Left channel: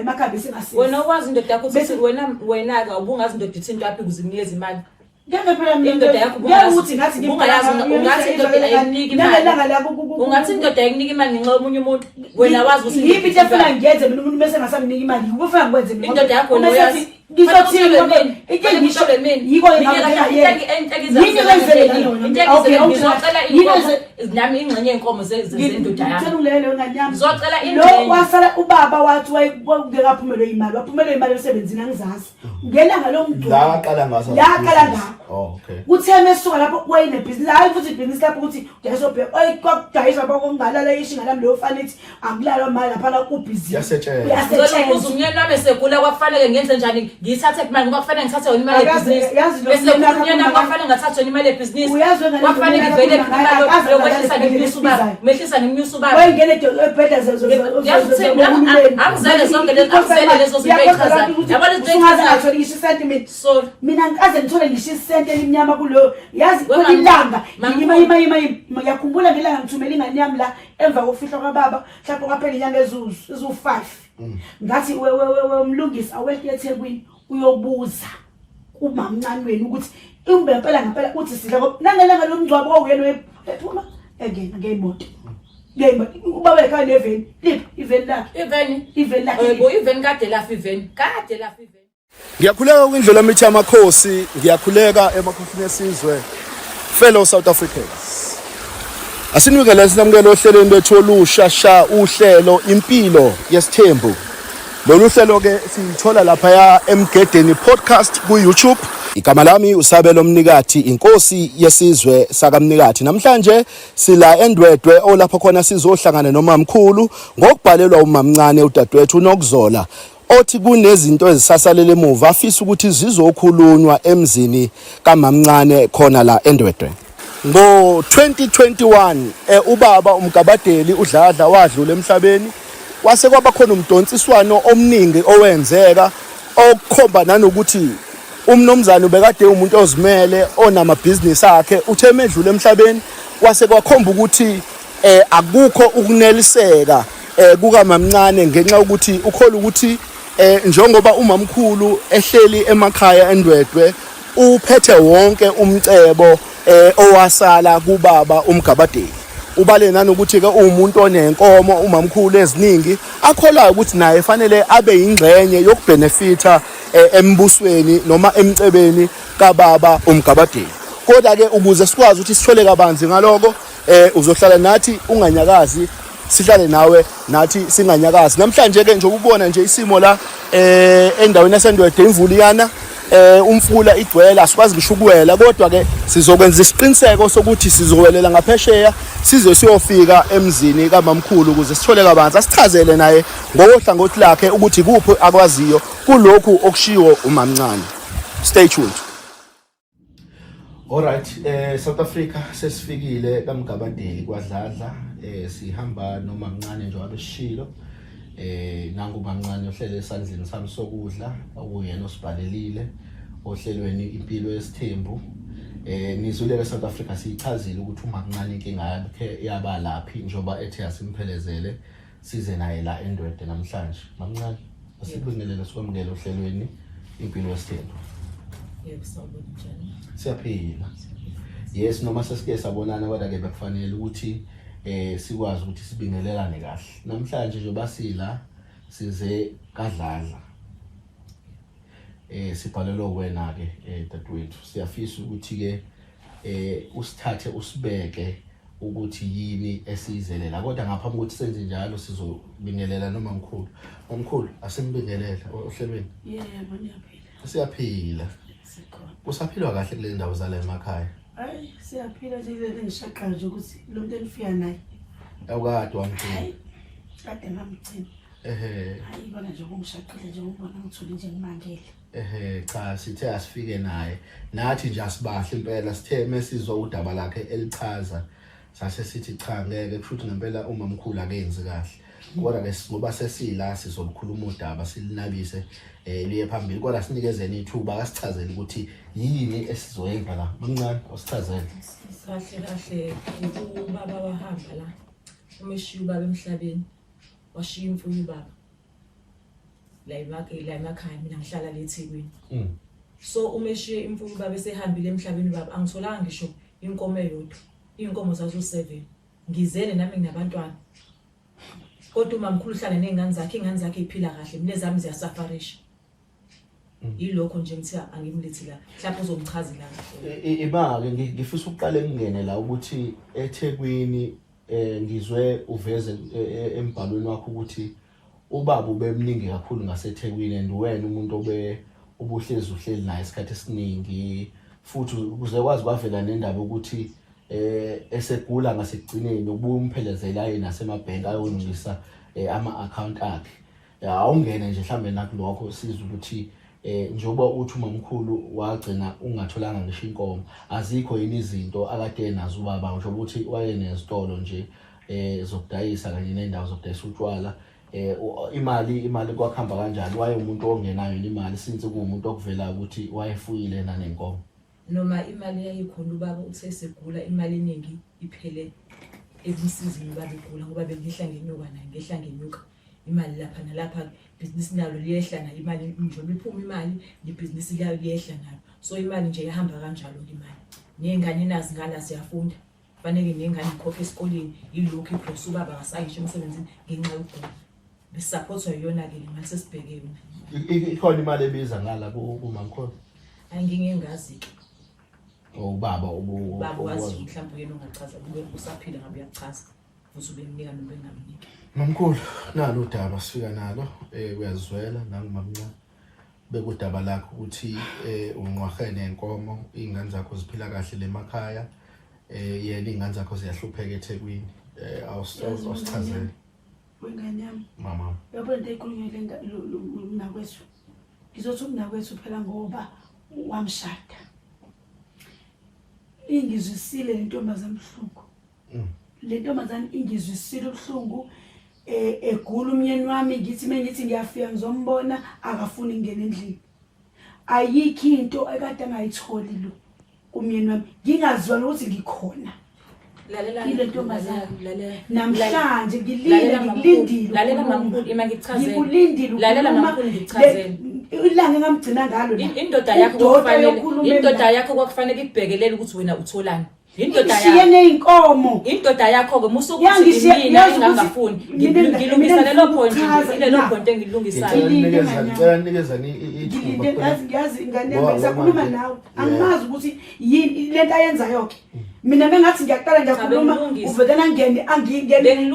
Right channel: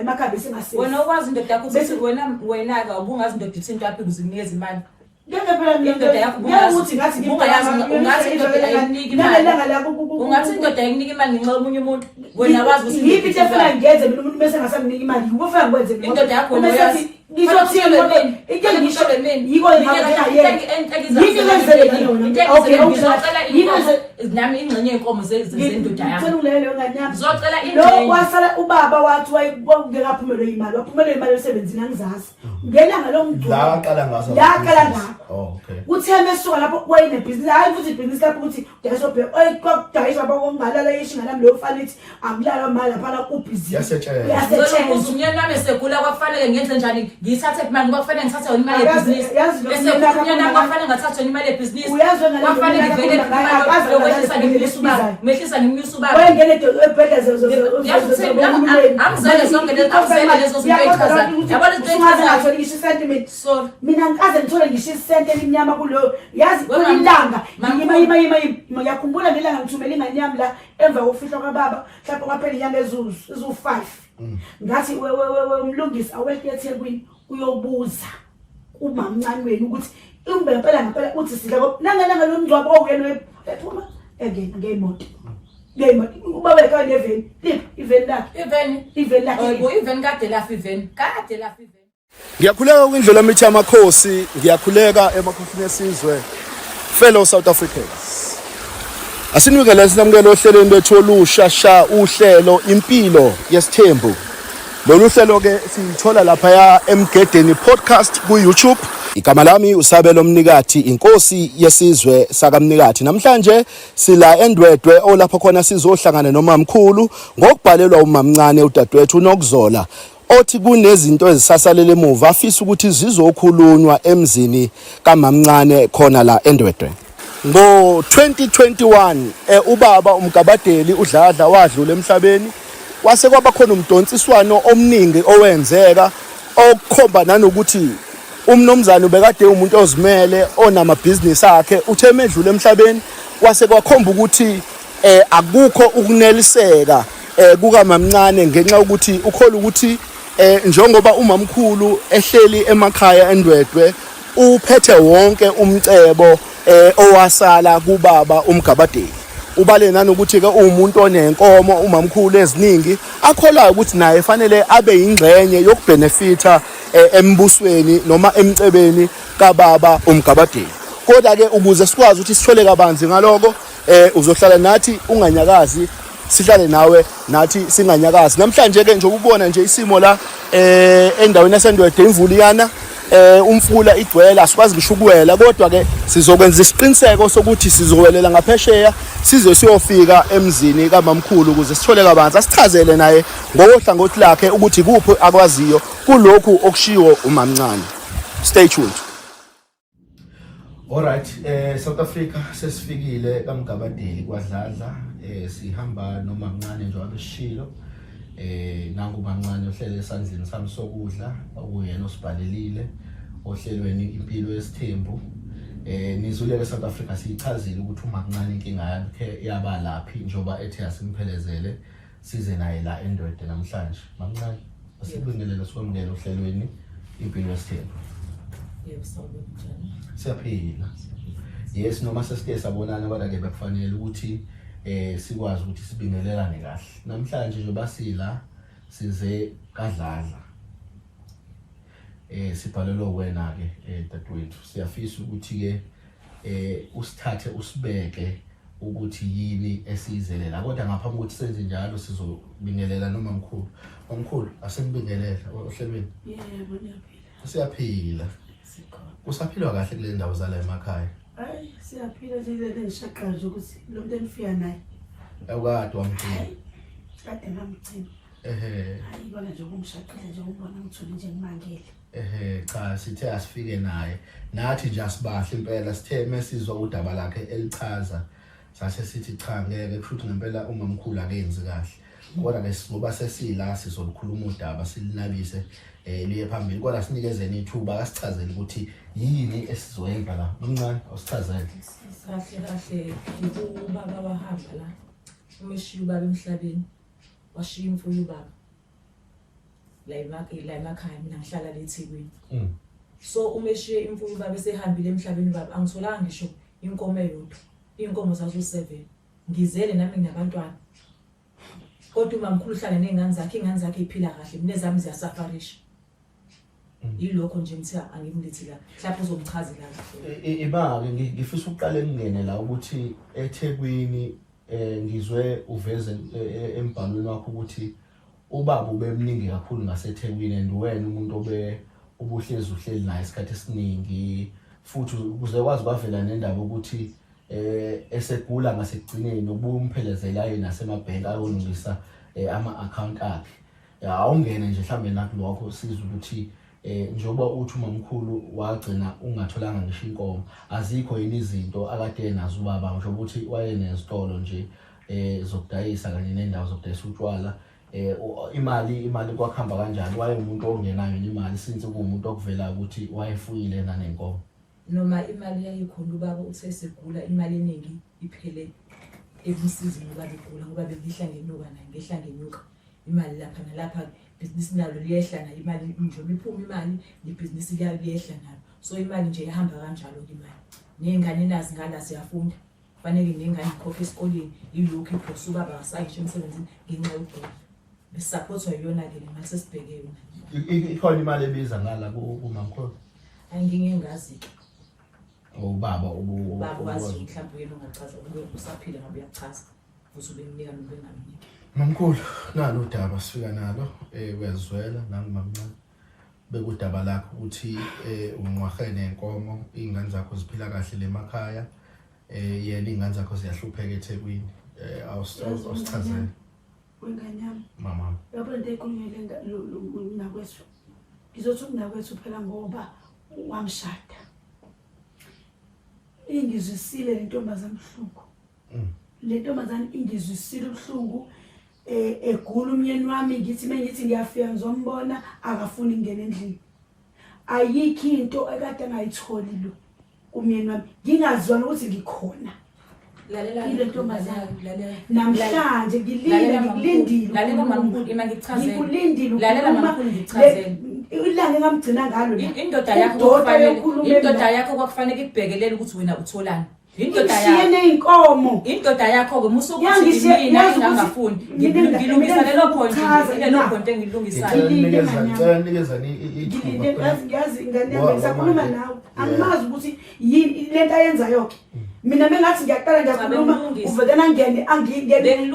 la emakhaya besingasizi wena wazi indoda yakho ukuthi wena ke ubungazi indoda ithi into yaphi ukuzinikeza imali ngeke phela indoda yakho ukuthi ngathi ungathi indoda ayinika imali ungathi indoda ayinika imali ngenxa yomunye umuntu wena wazi ukuthi yipi into efuna ngiyenze mina umuntu bese ngasamnika imali ngifuna ngikwenze mina indoda yakho uyazi ngizothini into ngisho yiko nami ingxenye yenkomo zendoda yakho ngicela ngane yami ngizocela lo wasala ubaba wathi wayengekaphumelwe imali waphumelwe imali emsebenzini angizazi ngelanga lomgcwabo laqala ngaso okay utheme esuka lapho wayine business hayi futhi business lapho ukuthi uyasobhe kwakudayiswa bokungalala ishinga lami lo fanithi akulalwa mali lapha ku busy yasetshenziswa uzunyeni nami segula kwakufanele ngenze njani ngithathe imali ngoba kufanele ngithathe yona imali yebusiness bese unyeni nami kwakufanele ngathathe yona imali yebusiness kwakufanele ngivele mehlisa ngemnyusa ubaba wayengene ebhedla angizele zonke lezo zinto echazayo yabona izinto echazayo ngisho sentiment so mina ngikaze ngithole ngisho isente elimnyama kulo yazi kulilanga ngiyakhumbula ngelanga ngithumela ingane yami la emva kokufihla kwababa mhlawumbe kwaphela inyanga ezu5 ngathi umlungisi awekhe eThekwini uyobuza umamncane wenu ukuthi umbe ngempela uthi sidla nangelanga lomngcwabo oyena ephuma again ngemoto ubaba ekhaya neveni liphi iveni lakhe yebo iveni kade lafa Ngiyakhuleka kwindlela mithi yamakhosi ngiyakhuleka emakhosini esizwe fellow South Africans asinukele sinamukela ohlelweni lethu olusha uhlelo impilo yesithembu lolu hlelo ke sithola lapha ya Emgedeni podcast ku YouTube igama lami uSabelo Mnikati inkosi yesizwe sakamnikati namhlanje sila eNdwedwe olapho khona sizohlangana nomamkhulu ngokubhalelwa umamncane udadewethu uNokzola othi kunezinto ezisasalele emuva afisa ukuthi zizokhulunywa emzini kamamncane khona la eNdwedwe ngo-2021 ubaba uMgabadeli uDladla wadlula emhlabeni wase kwaba khona umdonsiswano omningi owenzeka okukhomba nanokuthi umnomzana ubekade umuntu ozimele onamabhizinisi akhe uthe medlule emhlabeni wase kwakhomba ukuthi akukho ukuneliseka kukamamncane ngenxa ukuthi ukhola ukuthi njengoba umamkhulu ehleli emakhaya eNdwedwe uphethe wonke umcebo owasala kubaba uMgabadeli ubale nanokuthi ke umuntu onenkomo umamkhulu eziningi akholayo ukuthi naye fanele abe ingxenye yokubenefita embusweni noma emcebeni kababa uMgabadeli kodwa ke ukuze sikwazi ukuthi sithole kabanzi ngaloko uzohlala nathi unganyakazi sihlale nawe nathi singanyakazi namhlanje ke nje ubona nje isimo la endaweni yaseNdwedwe imvuliyana umfula igcwele asikwazi ngisho ukuwela kodwa ke sizokwenza isiqiniseko sokuthi sizowelela ngaphesheya size siyofika emzini kamamkhulu ukuze sithole kabanzi asichazele naye ngohlangothi lakhe ukuthi kuphi akwaziyo kulokhu okushiwo umamncane stay tuned. Alright, South Africa sesifikile kaMgabadeli kwaDladla sihamba nomamncane njengoba beshilo nangu mamncane ohlele esandleni sami sokudla okuyena osibhalelile ohlelweni impilo yesithembu nizuleke South Africa siyichazile ukuthi umamncane inkinga yakhe yaba laphi njoba ethi asimphelezele size naye la eNdwedwe namhlanje mamncane asibingelela sikwamukela ohlelweni impilo yesithembu. Yebo sawubona. Siyaphila. Yes noma sesike sabonana kodwa ke bekufanele ukuthi sikwazi ukuthi sibingelelane kahle namhlanje nje basila size kaDladla sibhalelwe wena ke dadewethu siyafisa ukuthi ke usithathe usibeke ukuthi yini esizelela kodwa ngaphambi kokuthi senze njalo sizobingelela nomamkhulu asimbingelela ohlelweni. Yebo ngiyaphila. Siyaphila. Usaphilwa kahle kule ndawo zala emakhaya? Hayi siyaphila nje ngishaqqa nje ukuthi lo muntu engifika naye awukade wamphila kade ngamgcina hayi bona nje ngumshaqile nje ubona ngithole nje ngimangele cha sithe asifike naye nathi nje asibahle impela sithe mesizwa udaba lakhe elichaza sase sithi cha ngeke kushuthi ngempela umamkhulu akenzi kahle kodwa ke ngoba sesila sizolukhuluma udaba silinabise liye phambili kodwa sinikezeni ithuba asichazele ukuthi yini esizoyenza la mamncane osichazele. Kahle ubaba wahamba la umeshiya ubaba emhlabeni washiya imfuyo ubaba la emakhaya mina ngihlala le eThekwini. So umeshiye imfuyo baba esehambile emhlabeni baba angitholanga ngisho inkomo eyodwa. Inkomo zazo 7. Ngizele nami nginabantwana. Kodwa umamkhulu uhlala nezingane zakhe iphila kahle. Mina zami ziyasafarisha. Yilokho nje ngithi angimlithi la. Mhlawumbe uzomchazela kahle. Imake ngifisa uqale ngene la ukuthi eThekwini ngizwe uveze embhalweni wakho ukuthi ubaba ubemningi kakhulu ngaseThekwini and wena umuntu ubuhlezi naye isikhathi esiningi futhi ukuze kwazi kwavela nendaba ukuthi esegula ngasekugcineni ubuye umphelezela yena nasemabhenki ayolungisa ama-account akhe. Awungene nje mhlambe nakulokho sizwe ukuthi njengoba uthi umamkhulu wagcina ungatholanga ngisho inkomo azikho yini izinto akade nazo ubaba ngisho ukuthi wayenezitolo nje zokudayisa kanye nendawo zokudayisa utshwala imali kwakhamba kanjani waye umuntu ongenayo imali since kuumuntu okuvela ukuthi wayefuyile nanenkomo noma imali yayikhona ubaba usesegula imali eningi iphele ebusizini ubaba egula ngoba bengihla ngenyuka imali lapha nalapha business nalo liyehla na imali njengoba iphuma imali business liyehla nalo so imali nje ihamba kanjalo imali nengane nazi ngala siyafunda fanele nengane ikhokhe esikoleni yilokho iphose ubaba akasayisho emsebenzini ngenxa yokugula besupportwa yona ke imali sesibheke yona ikhona imali ebiza ngala kumamkhulu angingazi ubaba wazi mhlawumbe yena ungachaza kube usaphila ngabe uyachaza uzube nika noma bengamniki mamkhulu nalo udaba sifika nalo uyazwela nangimamncane bekudaba lakho ukuthi unqwahene nenkomo izingane zakho ziphila kahle lemakhaya yena izingane zakho ziyahlupheka eThekwini awusichazele wengane yami mama yabo into ekhulunywe nakwethu ngizothi nakwethu phela ngoba wamshada ingizwisile lentombazana ubuhlungu lentombazana ingizwisile ubuhlungu egula umyeni wami ngithi mengithi ngiyafika ngizombona akafuni ingene endlini ayikho into ekade angayitholi lo umyeni wami ngingazwana ukuthi ngikhona lalela namhlanje ngilindile lalela mamkhulu ima ngichazela ngilindile lalela mamkhulu ngichazela ilanga engamgcina ngalo indoda yakho kwakufanele ikubhekelele ukuthi wena utholani indoda neinkomo indoda yakho ke musokuthi mina ngingafuni ngilungisa lelo point engilungisayo ngiyanikezani ithuba ngiyazi ingane yami ngisakhuluma nawe angimazi ukuthi yini lento ayenza yonke mina bengathi ngiyaqala ngiyakhuluma uvedana ngene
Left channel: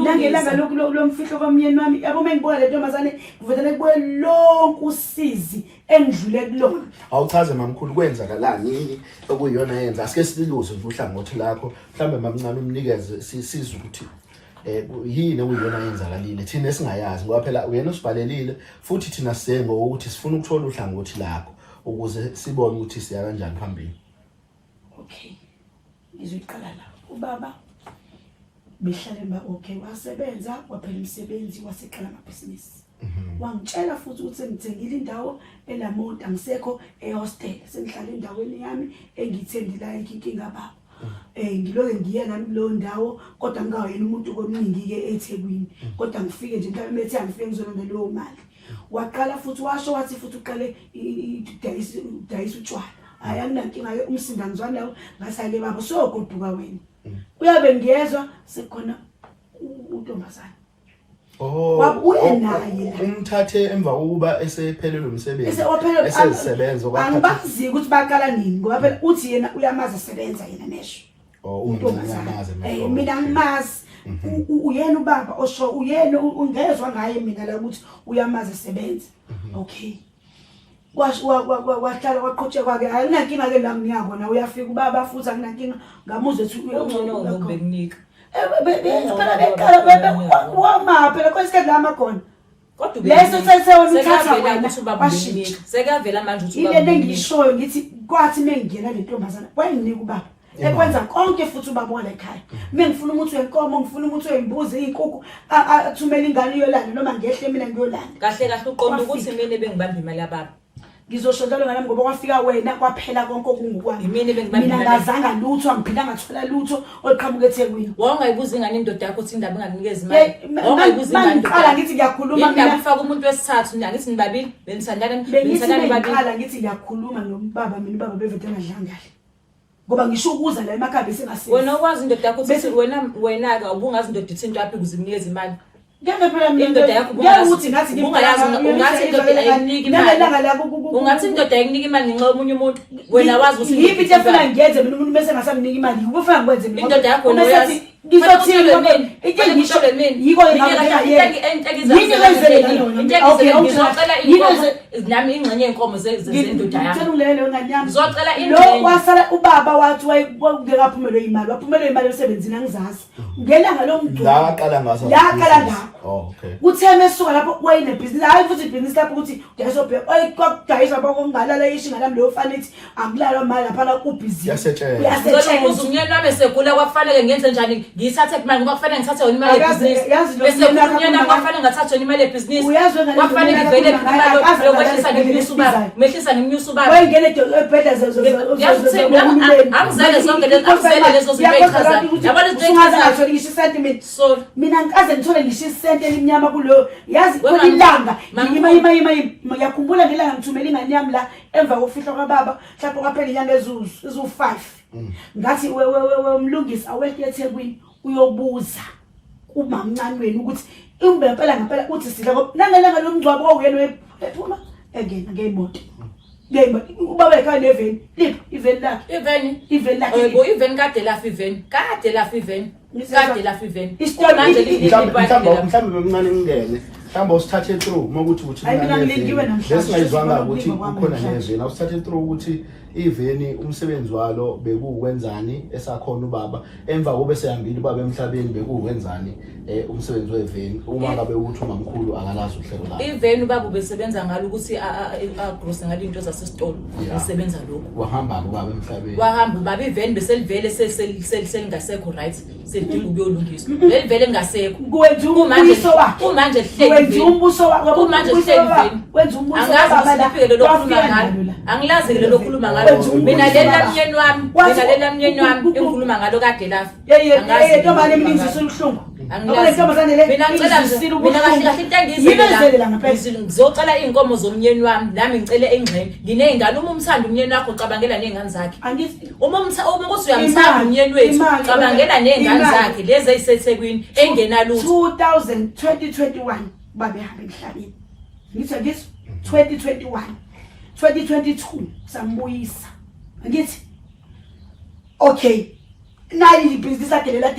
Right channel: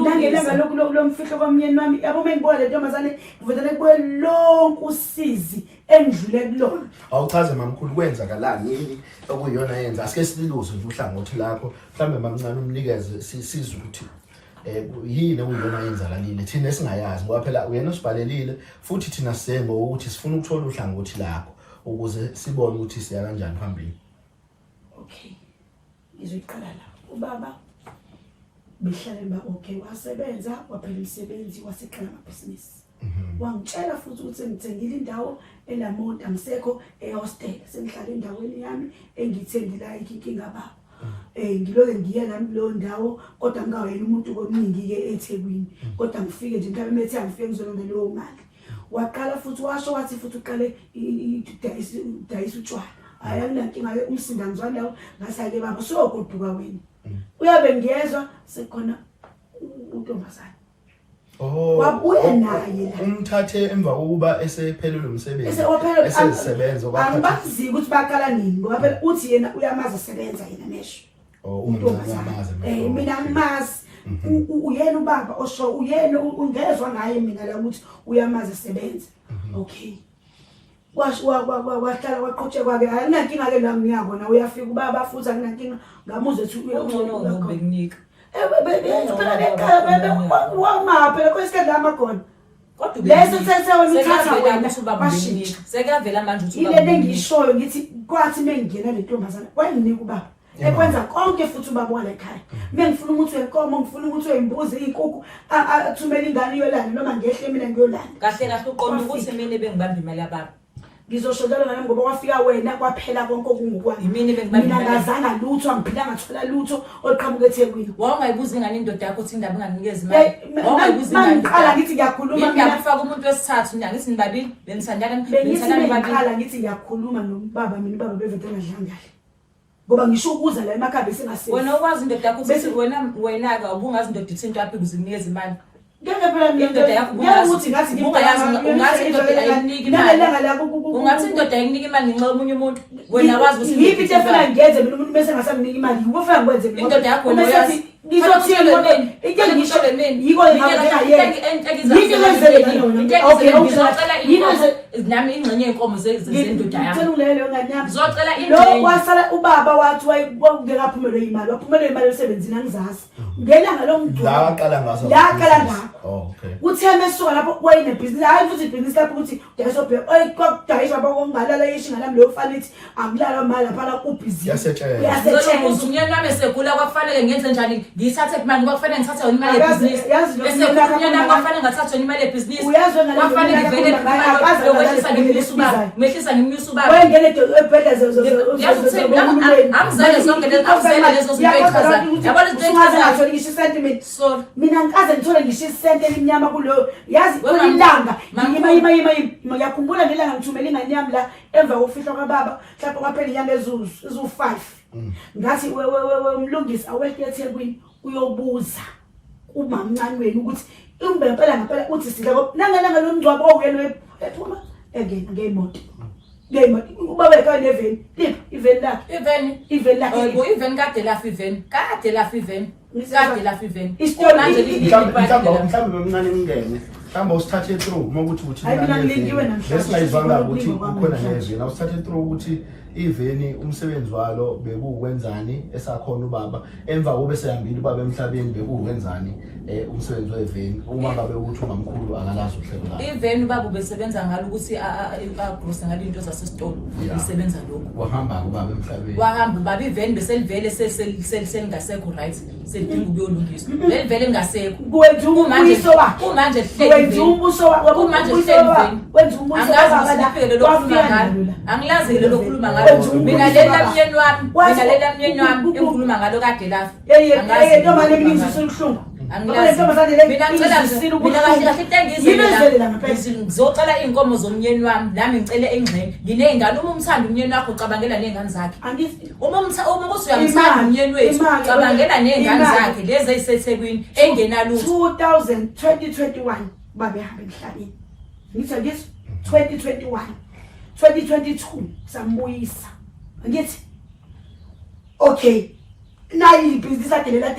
nangelanga lomfihlo kwamyeni wami yabo mengibuka le ntombazane uvedana kuwe lonke usizi endlule kulona awuchaze mamkhulu kwenzakalani yini okuyiyona yenza asike sililuze nje uhlangothi lakho mhlambe mamncane umnikeze sizwe ukuthi yini okuyiyona yenzakalile thina esingayazi ngoba phela uyena osibhalelile futhi thina sengo ukuthi sifuna ukuthola uhlangothi lakho ukuze sibone ukuthi siya kanjani phambili. Okay ngizoqala la ubaba behlala okay wasebenza waphela umsebenzi waseqala amabhizinisi wangitshela futhi ukuthi ngithengile indawo elamonti angisekho ehostel sengihlala endaweni yami engithendela inkinga baba ngiloke ngiye nami lo ndawo kodwa ngingawena umuntu komningi ke eThekwini kodwa ngifike nje mhlawumbe ethi angifike ngizolonda leyo mali waqala futhi washo wathi futhi uqale idayisa utshwala hayi akunankinga ke umsinda ngizwana lawo ngasayile baba so goduka wena uyabe ngiyezwa sekhona untombazana wabuye naye umthathe emva kokuba esephelelwe umsebenzi esesebenza angibazi ukuthi baqala nini ngoba phela uthi yena uyamazi sebenza yena mesho untombazana mina ngimazi uyena ubaba osho uyena ungezwe ngaye mina la ukuthi uyamazi sebenza okay wahlala waqhutsheka kwake ayinankinga ke nami ngiyakona uyafika ubaba futhi akunankinga ngamuzwe ethi uyona bekunika wamapela kwesikhathi lama khona kodwa leso sesewena uthatha wena sekavela manje uthi ubaba ile engishoyo ngithi kwathi mengena le ntombazana wayenginika ubaba ekwenza konke futhi ubaba wala ekhaya mengifuna ukuthi wenkomo ngifuna ukuthi wembuzi izinkukhu athumela ingane yolanda noma ngehle mina ngiyolanda kahle uqonda ukuthi mina bengibamba imali yababa ngizoshodlwa nami ngoba kwafika wena kwaphela konke okungokwami mina ngazanga lutho angiphila ngathola lutho oliqhamuka eThekwini Wawungayibuza ingane indoda yakho uthi indaba inganikeza imali wawungayibuza ingane ngikhala ngithi ngiyakhuluma mina ufaka umuntu wesithathu ngithi nibabili benithandana ngikhala ngithi ngiyakhuluma nombaba mina ubaba bevete engadlanga ngoba ngisho ukuza la emakhaya besingasebenzi wena ukwazi indoda yakho uthi wena ke ubungazi indoda ithi into yaphi ukuze inikeze imali ngeke phela indoda yakho ungazi ngathi ungathi indoda ayinika imali ungathi indoda ayinika imali ngenxa yomunye umuntu wena wazi ukuthi yipi into efuna ngiyenze mina umuntu bese ngasamnika imali ufuna ngikwenze mina indoda yakho wena uyazi ngizothini into ngisho yiko nami ingxenye yenkomo zendoda yakho ngicela ngane yami ngizocela lo wasala ubaba wathi wayengekaphumelwe imali waphumelwe imali emsebenzini angizazi ngelanga lomgcwabo la qala ngaso okay utheme esuka lapho wayine business hayi futhi business lapho ukuthi uyasobhe kwakudayisa bokungalala yishinga nami leyo fanithi akulalwa mali lapha la ubhizi yasetshenziswa unyeni wami segula kwakufanele ngenze njani ngiyithathe imali ngoba kufanele ngithathe yona imali yebusiness bese unyeni wami kwakufanele ngathathe yona imali yebusiness kwakufanele ngivele mehlisa ngemnyusa ubaba wayengene ebheda angizele zonke lezo zinto yabona izinto ngisho sentiment so mina ngikaze ngithole ngisho isente elimnyama kulo yazi kulilanga ngiyakhumbula ngelanga ngithumela ingane yami la emva kokufihla kwababa mhlawumbe kwaphela inyanga ezu5 ngathi umlungisi awekho eThekwini uyobuza umamncane wenu ukuthi umbe ngempela uthi sidla ngoba nangelanga lomgcwabo oyena ephuma engena ngemoto ubaba ekhaya neveni liphi iveni lakhe yebo iveni kade lafa iveni kade lafa iveni mhlawumbe bemncane ngingene mhlawumbe usithathe through mokuthi besingayizwanga ukuthi kukhona neveni awusithathe through ukuthi iveni umsebenzi walo bekuwenzani esakhona ubaba emva kobe sehambile ubaba emhlabeni bekuwenzani umsebenzi weveni uma ngabe ukuthi ungamkhulu angalazi uhlelo la iveni ubaba besebenza ngalo ukuthi agross ngalo into zasesitolo esebenza lokho wahamba ubaba emhlabeni wahamba ubaba iveni beselivele selingasekho right sedinga ukuyolungiswa velivele lingasekho kwenza umbuso wakhe kumanje kwenza umbuso wakhe kumanje iveni kwenza umbuso wakhe angilazi lo khuluma ngalo mina lela mnyeni wami engikhuluma ngalo kade lafa ntomane mina ngizisa ubuhlungu mina ngizocela iy'nkomo zomnyeni wami nami ngicele engxenye nginey'ngane uma umthanda umnyeni wakho ucabangela ney'ngane zakhe uma ukuthi uyamthanda umnyeni wethu ucabangela ney'ngane zakhe lezi ey'seThekwini engenalutho 2021 babehamba emhlabeni ngithi 2021 2022 sambuyisa ngithi okay nayi ibhizinisi adelela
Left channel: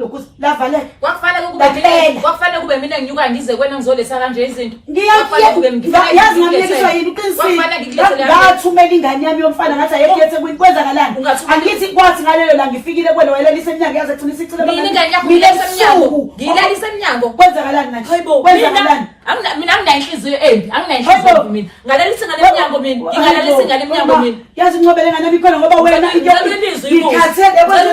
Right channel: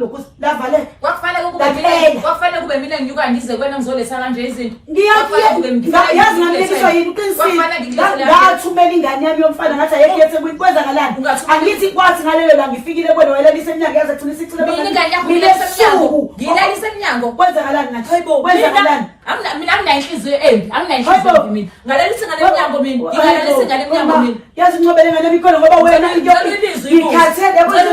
lokhu lavale kwakufanele kube mina nginyuka ngize kwena ngizoletha kanje izinto yazi ngamlekiswa yini uqinisile ngathumela ingane yami yomfana ngathi ayekhethe kwenzakalani angithi kwathi ngalelo la ngifikile kwena wayelalisa eminyango yazi agcina isicilo mina ingane yakho ngiyilalisa eminyango kwenzakalani ngathi kwenzakalani mina anginayinhliziyo embi anginayinhliziyo mina ngalalisa ngale minyango mina ngingalalisa ngale minyango mina yazi ngcobele ngane bikhona ngoba wena into ngikhathele yabona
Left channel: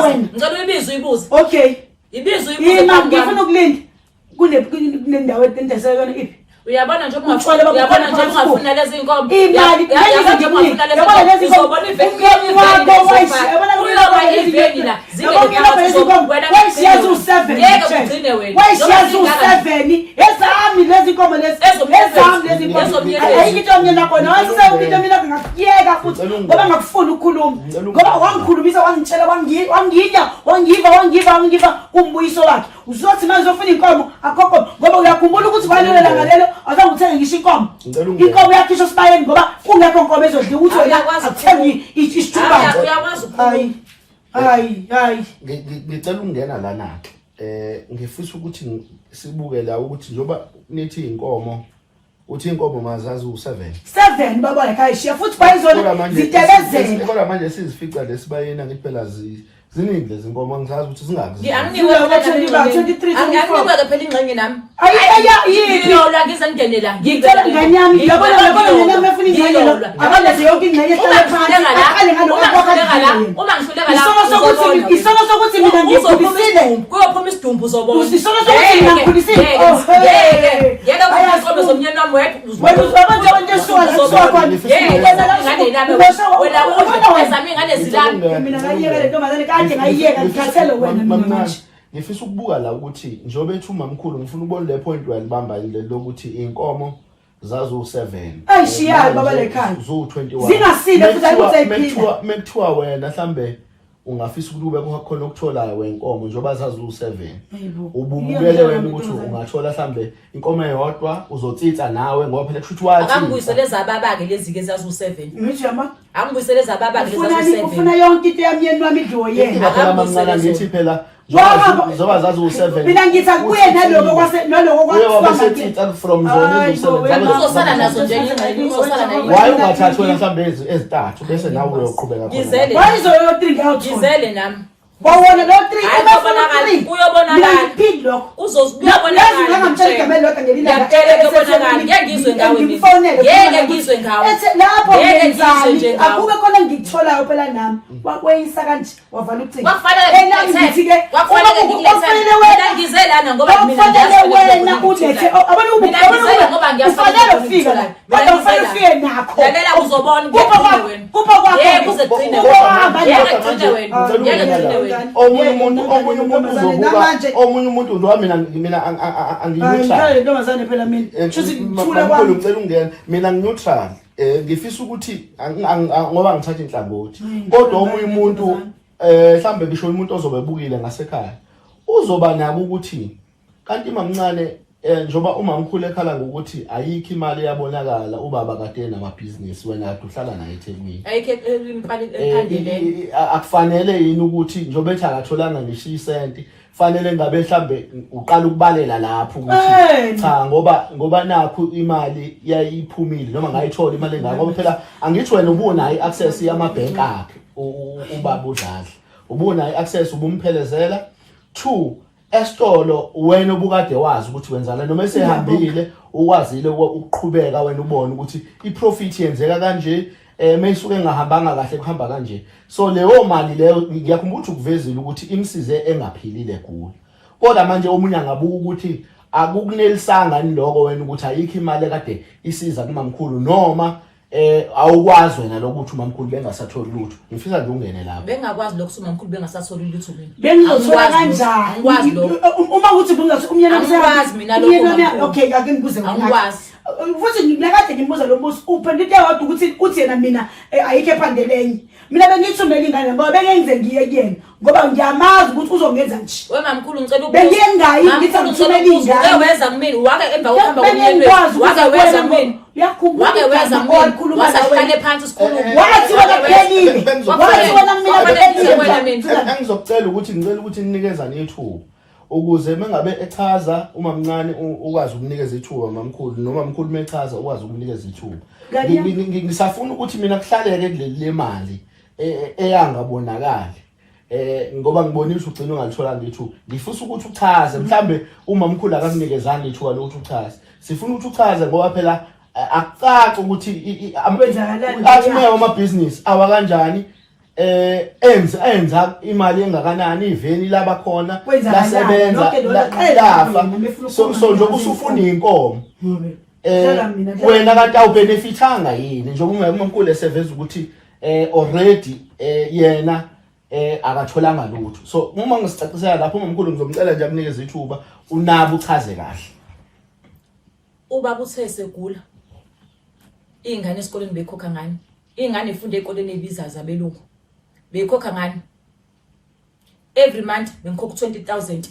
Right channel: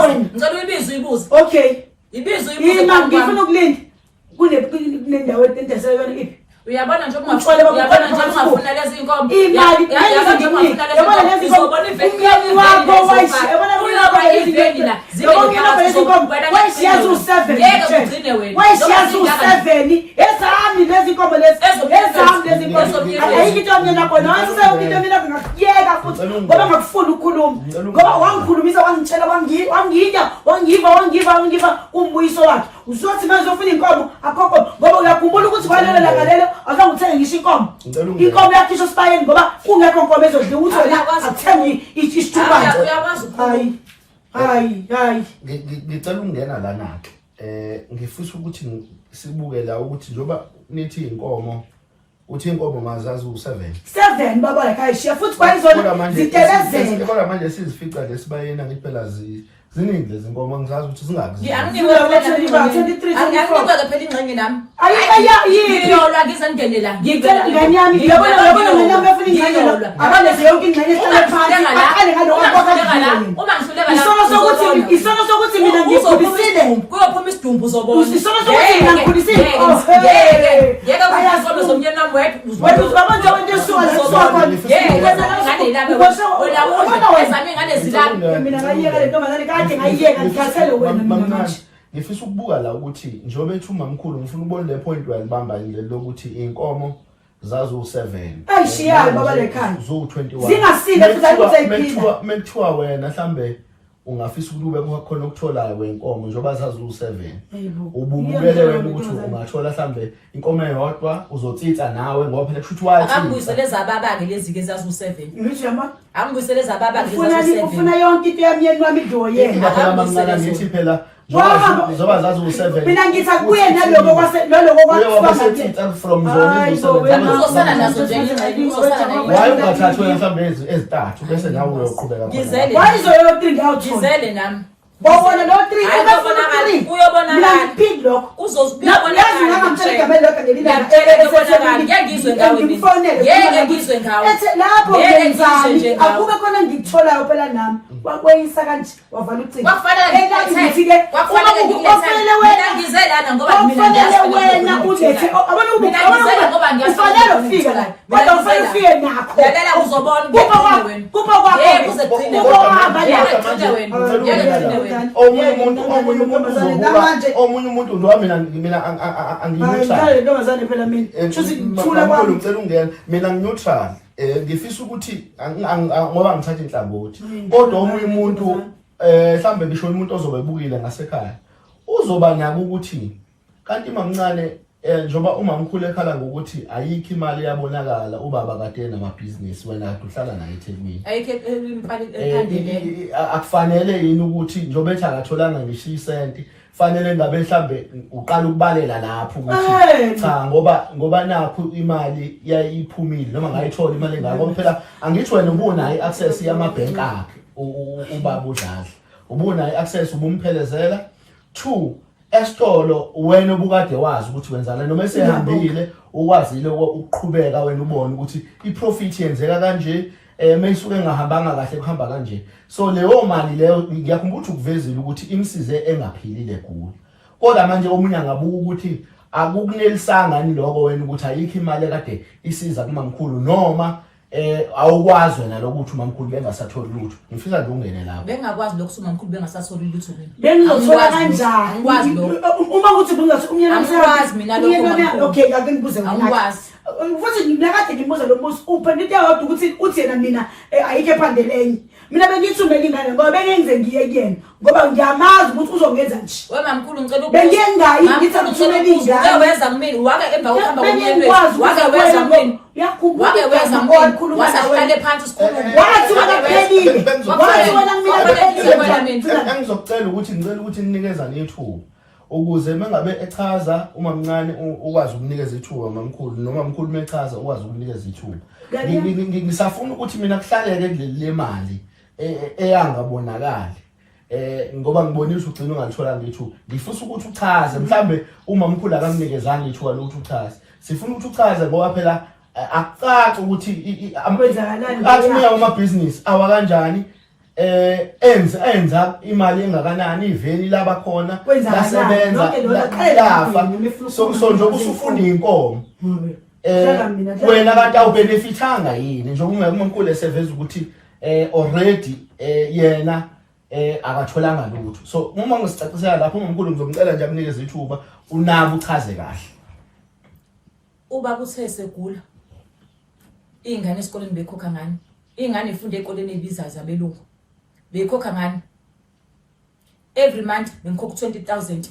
wena ngicela uyibize uyibuze okay ibize uyibuze ngifuna ukulinda kunendawo entendesekona iphi uyabona nje ungafuna lezi inkomo imali yabona lezi inkomo wakho iveni la wayishiyazi u7 ezami lezi inkomo lezi ayikho into mina khona wasewukho mina ngakuyeka futhi ngoba ngakufuna ukukhuluma ngoba wangikhulumisa wangitshela wangiva kumbuyiso wakhe uzothi manje uzofuna inkomo akho ngoba uyakhumbula ukuthi kwalelo langa lelo azange uthenge ngisho inkomo yakhisho esibayeni ngoba kungekho inkomo ezodla ukuthi wena akuthengi isithuba uyakwazi hayi ngicela ukungena lana ngifisa ukuthi sibuke la ukuthi njoba nithi inkomo uthi inkomo mazazi u7 baba la kayishiya futhi bayizona zitelezela kodwa manje sizifica lesibayena ngithi phela ziningi lezi nkomo ngizazi ukuthi singaki Anginikwe phela ingxenye nami. Ngiyolwa ngizengene la. Ngicela ingane yami yabona ingane yami efuna ingane la. Akaleze yonke ingane ehlala phansi. Aqale ngalokho akwakho. Uma ngihluleka la. Isono sokuthi mina ngikhulisile. Kuyophuma isidumbu uzobona. Isono sokuthi mina ngikhulisile. Yeke uzobe zomnyeni wami wedwa. Wena uzaba nje abantu esizokwazi. Mina ngayiyeka le ntombazane kade ngayiyeka ngikhathele wena mina manje. Ngifisa ukubuka la ukuthi njobe ethi umamkhulu ngifuna ukubona le point walibamba ile lokuthi inkomo zazo 7. Ayishiyayo baba lekhaya. Zo 21. Zingasile futhi ayikuthi ayiphinda. Mekuthiwa wena mhlambe ungafisa ukuthi kube khona okutholayo wenkomo njoba zazo 7. Ububele wena ukuthi ungathola mhlambe inkomo eyodwa uzotsitsa nawe ngoba phela kushuthi wathi akambuyisele zababa ke lezi ke zazo 7. Ngijama angibuyisele zababa ke zazo 7. Ufuna yonke into yami wami ijoyena. Akambuyisele ngithi phela zoba zazo 7. Mina ngithi kuye naloko kwase naloko kwase from zone uzosana nazo nje ingxenye uzosana nayo. Why ungathatha wena mhlambe ezintathu bese nawe uyoqhubeka khona. Ngizele. Wayizo yo 3 ngiyawuthola. Ngizele nami. Wawona lo 3 uyobonakala phid lokho uzobonakala ngizwe ngawe lapho ngenzani akube khona ngikutholayo phela nami wakweyisa kanje wavala ucingo ngizelana ngoba wena ulethe abantu ufanele ufike la kodwa ufanele ufike nakho lalela uzobona kupha kwakho kuze kuqine omunye umuntu ndo mina angiyuthala ntombazane phela mina shuthi ngithula kwami ngicela ungena mina ngineutral ngifisa ukuthi ngoba ngithatha inhlangothi kodwa omunye umuntu mhlambe bisho umuntu ozobe ebukile ngasekhaya uzoba nako ukuthi kanti mamncane njoba umamkhulu ekhala ngokuthi ayikho imali yabonakala ubaba kade namabhizinisi wena kade uhlala naye eThekwini ayikho imali ephandelene akufanele yini ukuthi njoba ethi akatholanga ngisho isenti fanele ngabe mhlambe uqala ukubalela lapho ukuthi cha ngoba nakho imali yayiphumile noma ngayithola imali engaka ngoba phela angithi wena ubona iaccess yamabhenki akhe ubaba uDladla ubona iaccess ubumphelezela 2 esitolo wena obukade wazi ukuthi wenzana noma esehambile ukwazile ukuqhubeka wena ubone ukuthi iprofit yenzeka kanje mayisuke engahambanga kahle kuhamba kanje so leyo mali leyo ngiyakhumbula ukuthi ukuvezile ukuthi imsize engaphilile kuyo kodwa manje omunye angabuka ukuthi akukunelisanga ni lokho wena ukuthi ayikho imali kade isiza kumamkhulu noma awukwazi wena lokuthi umamkhulu bengasatholi lutho ngifisa nje ungene lapho bengakwazi lokho umamkhulu bengasatholi lutho mina bengizothola kanjani uma ukuthi bengathi umnyana angikwazi mina lokho okay ake ngibuze angikwazi futhi ngakade ngimbuza lo mbuzo uphendule yodwa ukuthi uthi yena mina ayikho ephandelenye mina bengithumela ingane ngoba bengenze ngiye kuyena ngoba ngiyamazi ukuthi uzongenza nje wemamkhulu ngicela bengengayi ngithi ngithumela ingane weza kumina wake emva kokuhamba kumyeni wake weza kumina wake weza kumina wasahlale phansi sikhuluma wathi wena kuphelile wathi wena mina ngizocela ukuthi ngicela ukuthi ninikezane ithuba ukuze mengabe echaza uma mncane ukwazi ukunikeza ithuba mamkhulu noma mamkhulu mechaza ukwazi ukunikeza ithuba ngisafuna ukuthi mina kuhlaleke kuleli mali eyangabonakali ngoba ngibonisa ugcina ungalithola ngithu ngifisa ukuthi uchaze mhlambe uma mamkhulu akanginekezanga ithuba lokuthi uchaze sifuna ukuthi uchaze ngoba phela akucaca ukuthi athi amabhizinisi awa kanjani enza imali engakanani iveni laba khona lasebenza lafa so njengoba usufuna inkomo wena kade awubenefitanga yini njengoba ungekho eseveza ukuthi already yena akatholanga lutho so uma ngisicacisela lapho umamkhulu ngizomcela nje akunikeze ithuba unabo uchaze kahle ubaba uthe segula ingane esikoleni bekhokha ngani ingane ifunda ekoleni ebizayo zabelungu bekhokha ngani every month bengikhokha 20,000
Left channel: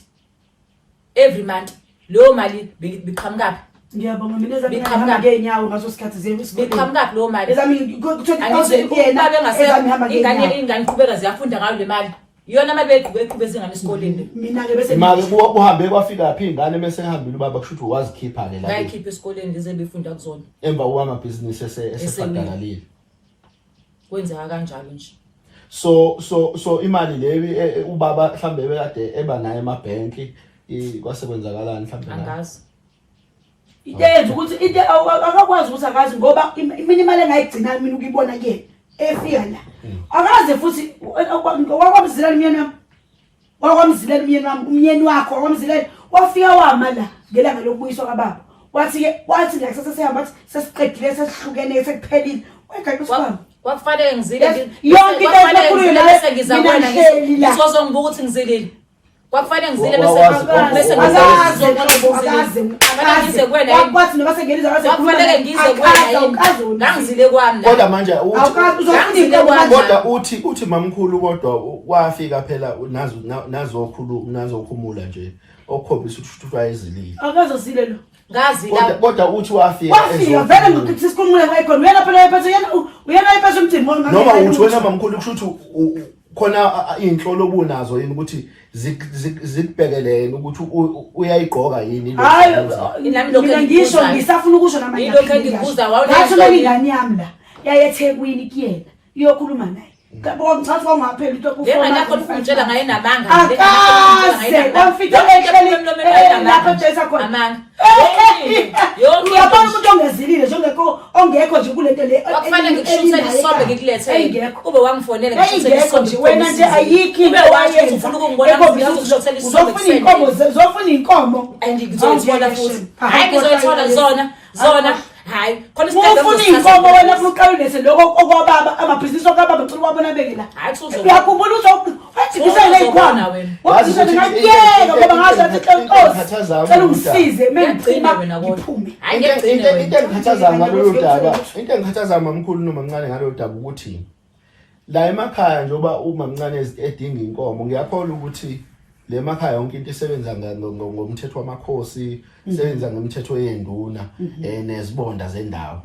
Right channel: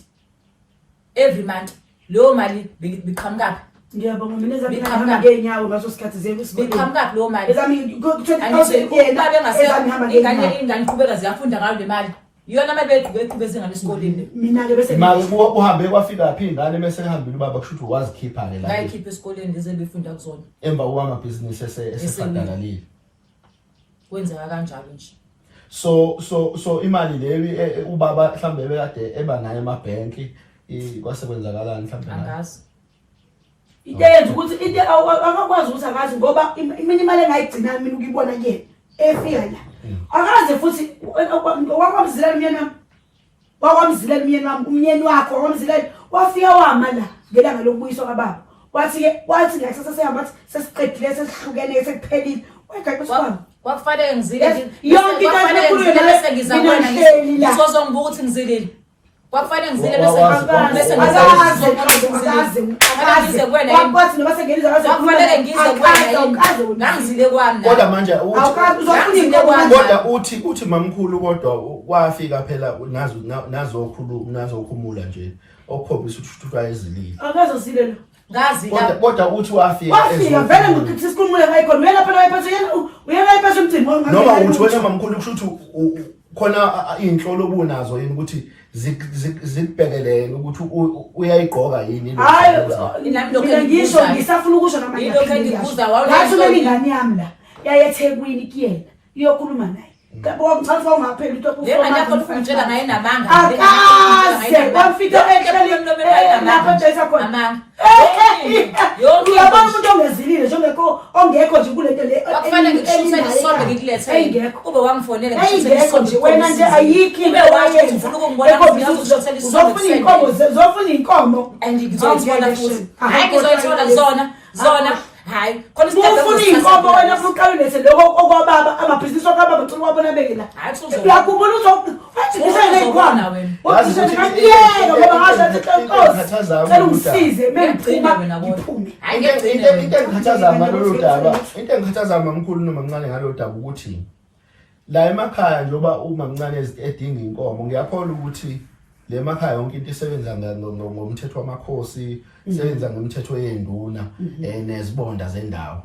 every month leyo mali biqhamukapi ngiyabonga mina ezami ngeenyawo ngaso sikhathi zemi biqhamukapi leyo mali ezami 20,000 yena ingane iqhubeka ziyafunda ngayo le mali iyona mabeqhubeka zingane esikoleni mina ke bese imali uhambe kwafika phi ingane bese ehambile ubaba kushuthi wazikhipha ke la ngayikhipha esikoleni leze befunda kuzona emva kwamabhizinisi esebhadalile kwenzeka kanjalo nje so imali leyi ubaba mhlambe bekade eba naye emabhenki kwasekwenzakalani mhlambe angazi Intenze ukuthi into akakwazi ukuthi akazi ngoba mina imali engayigcina mina ukuyibona kuyena efika la akaze futhi wakwamzilana umyeni wakho wakwamzilana wafika wama la ngelanga lokubuyiswa kababa wathi la sesehamba wathi sesiqedile sesihlukene sekuphelile wayegaqiswa kwakufanele ngizile yonke into ekhulunywa bese ngizabona ngizozongibuka ukuthi ngizilile kwakufanele ngizile bese ngize kuwena wathi noma sengeniza kwakufanele ngize kuwena ngangizile kwami kodwa manje kodwa uthi mamkhulu kodwa wafika phela nazokhuluma nje okukhombisa ukuthi wayezilile akazosile lo ngazi kodwa uthi wafika vele ngokuthi sikhulumule ngayikhona uyena phela wayephethe uyena wayephethe umcimbi noma uthi wena mamkhulu kusho ukuthi khona inhlolo obunazo yini ukuthi zikubhekelele ukuthi uyayigqoka yini hayi mina ngisho ngisafuna ukusho namanje ngathi ingane yami la yayeThekwini kuyena iyokhuluma naye ngicatha wangaphela into ufuna lapho ufuna ngaye namanga akaze wamfika ehleli lapho besa khona amanga uyabona umuntu ongezilile njengeko ongekho nje kule nto le akufanele ngishuthe isombe ngikulethe ube wangifonela ngishuthe isombe nje wena nje ayikho ube wayenza ufuna ukungibona ngizoshuthela isombe uzofuna inkomo ngizozithola futhi hayi ngizozithola zona hayi khona ufuna inkomo wena ufuna uqalelise lokho okwababa amabhizinisi okwababa ngicela wabona bekela uyakhumbula wathi ngisayikwana wathi ngiyeka ngoba ngasho inkosi cela ungisize mengicima ngiphume hayi ngiyagcina into engikhathaza ngalolu daba into engikhathaza mamkhulu noma mncane ngalolu daba ukuthi la emakhaya njoba uma mncane edinga inkomo ngiyakholwa ukuthi le emakhaya yonke into isebenza ngomthetho wamakhosi isebenza ngemithetho yenduna nezibonda zendawo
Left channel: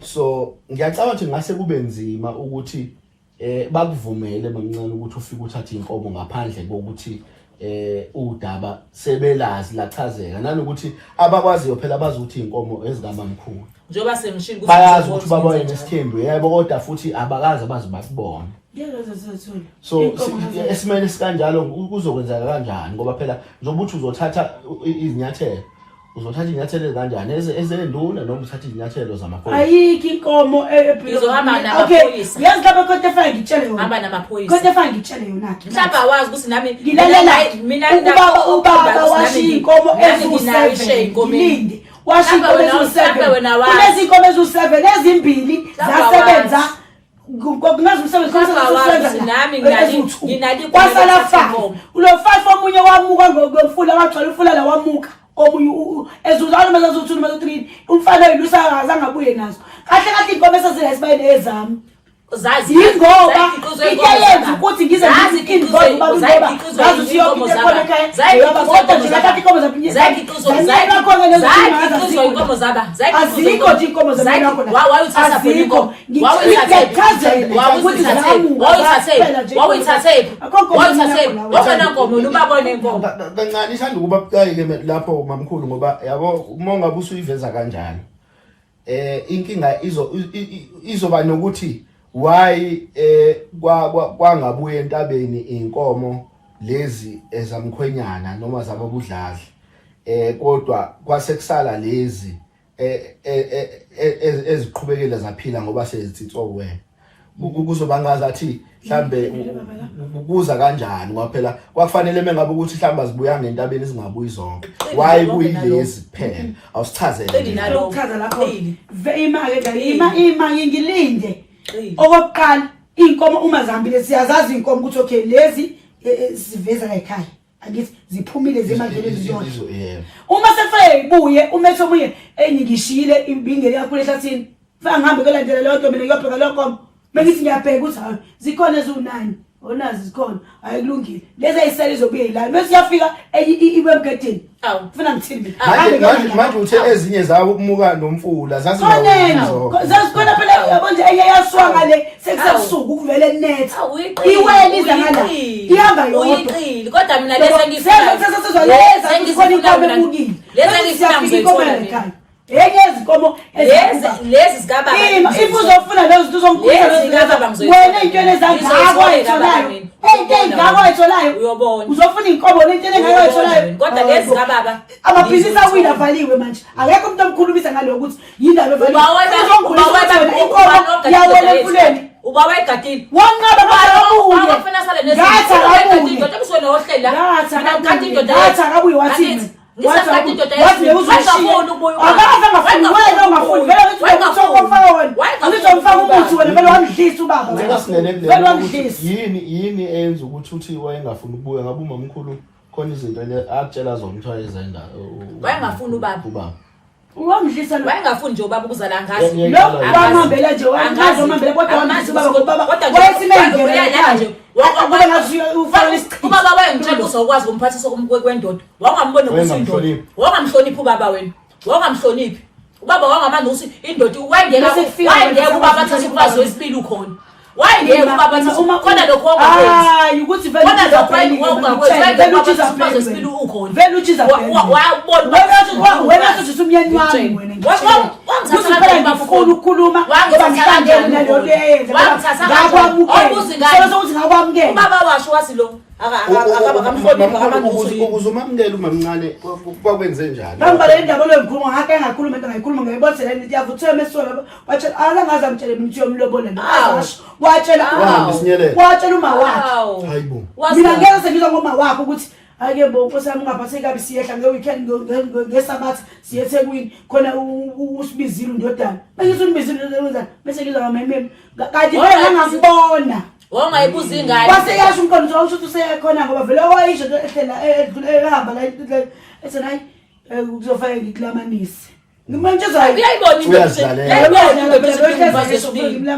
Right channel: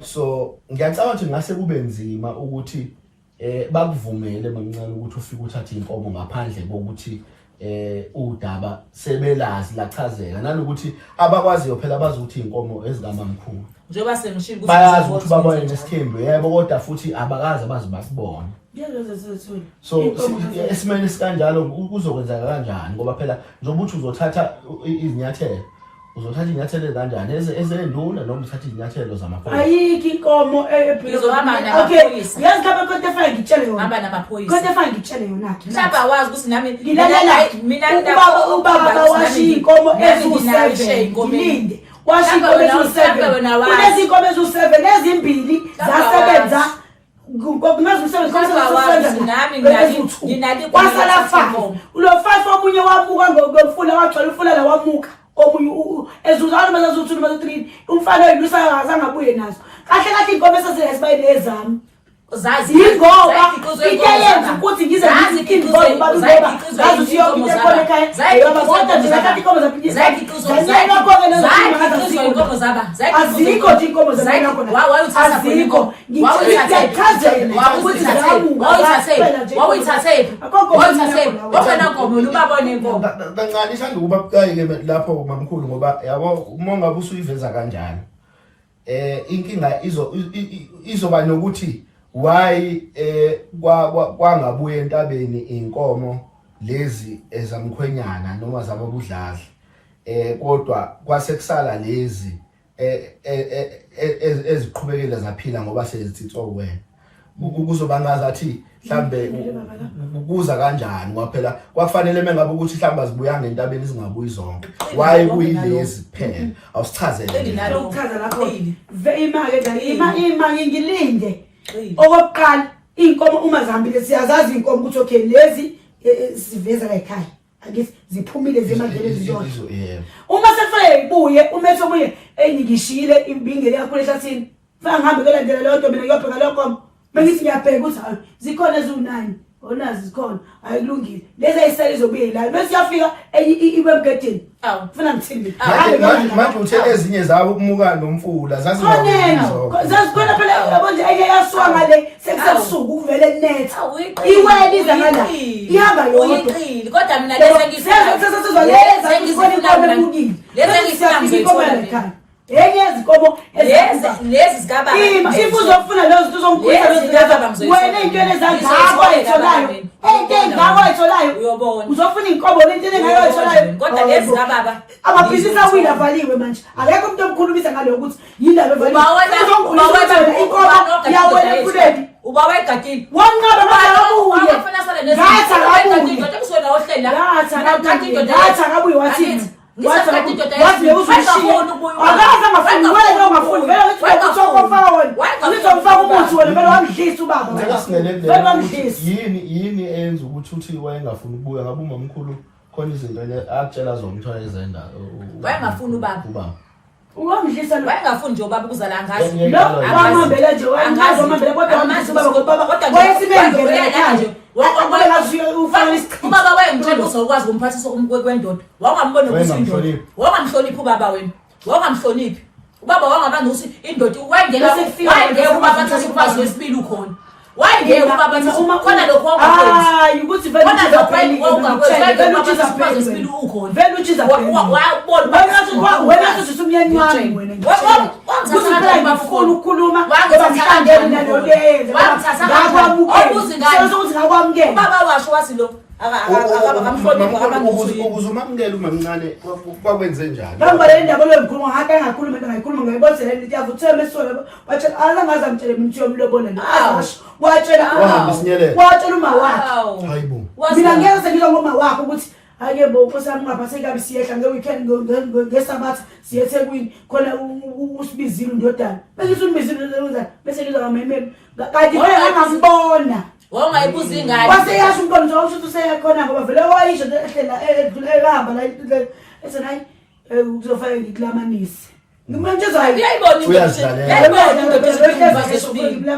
so ngiyacabanga ukuthi ngase kube nzima ukuthi bakuvumele mancane ukuthi ufike uthathe inkomo ngaphandle kokuthi udaba sebelazi lachazeka nanokuthi abakwaziyo phela bazothi inkomo ezikamamkhulu njoba semshini ukuthi bayazi ukuthi babone nesithembu yebo kodwa futhi abakazi bazi bakubona so esimene sikanjalo kuzokwenzeka kanjani ngoba phela njengoba uthi uzothatha izinyathelo kanjani ezenduna noma uthatha izinyathelo zamakhosi ayikho inkomo izohamba namaphoyisa yazi lapha kodwa efike ngitshele yona hamba namaphoyisa kodwa efike ngitshele yona mhlawumbe awazi ukuthi nami ngilalela ubaba washiya inkomo ezu7 ngilinde washiya inkomo ezu7 kulezi inkomo ezu7 ezimbili zasebenza ngokunazi umsebenzi kwasala 5 ulo 5 omunye wamuka ngomfula wagcwala umfula la wamuka omunye ezuzalo mase zothula mase 3 umfana yilusa azangabuye nazo kahle inkomo esezayisibayile ezami zazi ngoba ikeyenza ukuthi ngize ngizikinze ngoba ngazi ukuthi yonke into ekhona ekhaya yoba kodwa nje ngathi inkomo zaphinje azikho nje inkomo zamina khona wawuthatha azikho ngikuchazela ukuthi wawuyithathe wakhona inkomo ubabone inkomo kancane ishanda ukuba bucayi lapho mamkhulu ngoba yabo uma ungabe usuyiveza kanjalo inkinga izoba nokuthi why kwangabuye entabeni inkomo lezi ezamkhwenyana noma zababudladla kodwa kwasekusala lezi eziqhubekela zaphila ngoba sezithitswa wena kuzoba ngazathi mhlambe ukuza kanjani ngoba phela kwafanele mengabe ukuthi mhlamba azibuyanga entabeni ezingabuyi zonke why kuyilezi kuphela awusichazele ukuchaza lapho imake ngilinde okokuqala inkomo uma zihambile siyazazi inkomo ukuthi okay lezi siveza ekhaya angithi ziphumile zemadlelo zizona uma sekufanele ibuye umethe omunye ngishile imbingeli kakhulu ehlathini faka ngihambe kelandela leyo nto mina ngiyobheka leyo nkomo bengithi ngiyabheka ukuthi hayi zikhona ezu9 onazi zikhona ayikulungile lezi ayisele izobuye yilana bese yafika ibe emgedeni ufuna ngithini manje uthe ezinye zawo ukumuka nomfula zazikhona phela yabo nje eyaswa ngale sekusebusuku ukuvele net iweni izangala ihamba yodwa kodwa mina lesa ngizizwa leza ngizona inkomo emukile leza ngiyafika inkomo ekhaya Yezi komo lezi zikababa ifuzofuna lezo tuzongikhuza lezo wena intweni ezangakho ayitholayo engakho ayitholayo uyobona uzofuna inkomo lentweni engakho ayitholayo kodwa lezi zikababa amabhizinisi awile avaliwe manje akekho umuntu omkhulumisa ngalo ukuthi yindaba evaliwe inkomo yawela emfuleni uba wayigadile wanqaba manje abafana sale nezinto nje ebusona ohlela ngathi akabuye wathini wathi uzishiya akaza ngafuni wena ongafuni vele ukuthi uzomfaka wena uzomfaka umuthi wena vele wamdlisa ubaba vele wamdlisa yini eyenza ukuthi wayengafuni ukubuya ngabe umamkhulu khona izinto akutshela zona ukuthi wayezenza wayengafuni ubaba Wamdlisa lo. Wayengafuni nje ubaba ukuzala ngazi. Lo wamambela nje wamambela kodwa wamdlisa ubaba ngoba baba wayesimengele nje. Wakubona ngathi ufana isichitho. Ubaba wayengitshela uzokwazi umphathisa kwendoda. Wangambona ukuthi indoda. Wangamhloniphi ubaba wena. Wangamhloniphi. Ubaba wangamanje ukuthi indoda wayengeke ubaba athathe ukwazi wesibili ukhona. Wayengeke ubaba athathe khona lokho ongakwenzi. Hayi ukuthi vele vele uchiza wesibili ukhona. Vele uchiza wena uthi umyeni wami wena ngitshela. Kuziphela ngifuna ukukhuluma ngoba ngihlangene nalo leyo. Ngakwamukela. Sokuthi ngakwamukela. Ubaba washo wathi lo akabakamhlonipha abantu uzomamukela umamncane kwakwenze njani ngamba le ndaba lo ngikhuluma ngake engakhuluma into ngayikhuluma ngayibosela into yavuthwe mesola watshela alangaza ngitshele umuntu yomlobola lo watshela uma wakhe hayibo mina ngeke sengizo ngoma wakhe ukuthi ake bo nkosami ungaphatheki kabi siyehla ngeweekend ngesabathi siye eThekwini khona usibizile undodana bengithi unibizile undodana bese ngizwa ngamememe kanti ngeke ngangambona wangayibuza ingane waseyasho umqondo nje ukuthi useyakhona ngoba vele wayisho ehlela ehamba la ethi hayi kuzofaka ngikulamanise ngimantsheza uyayibona into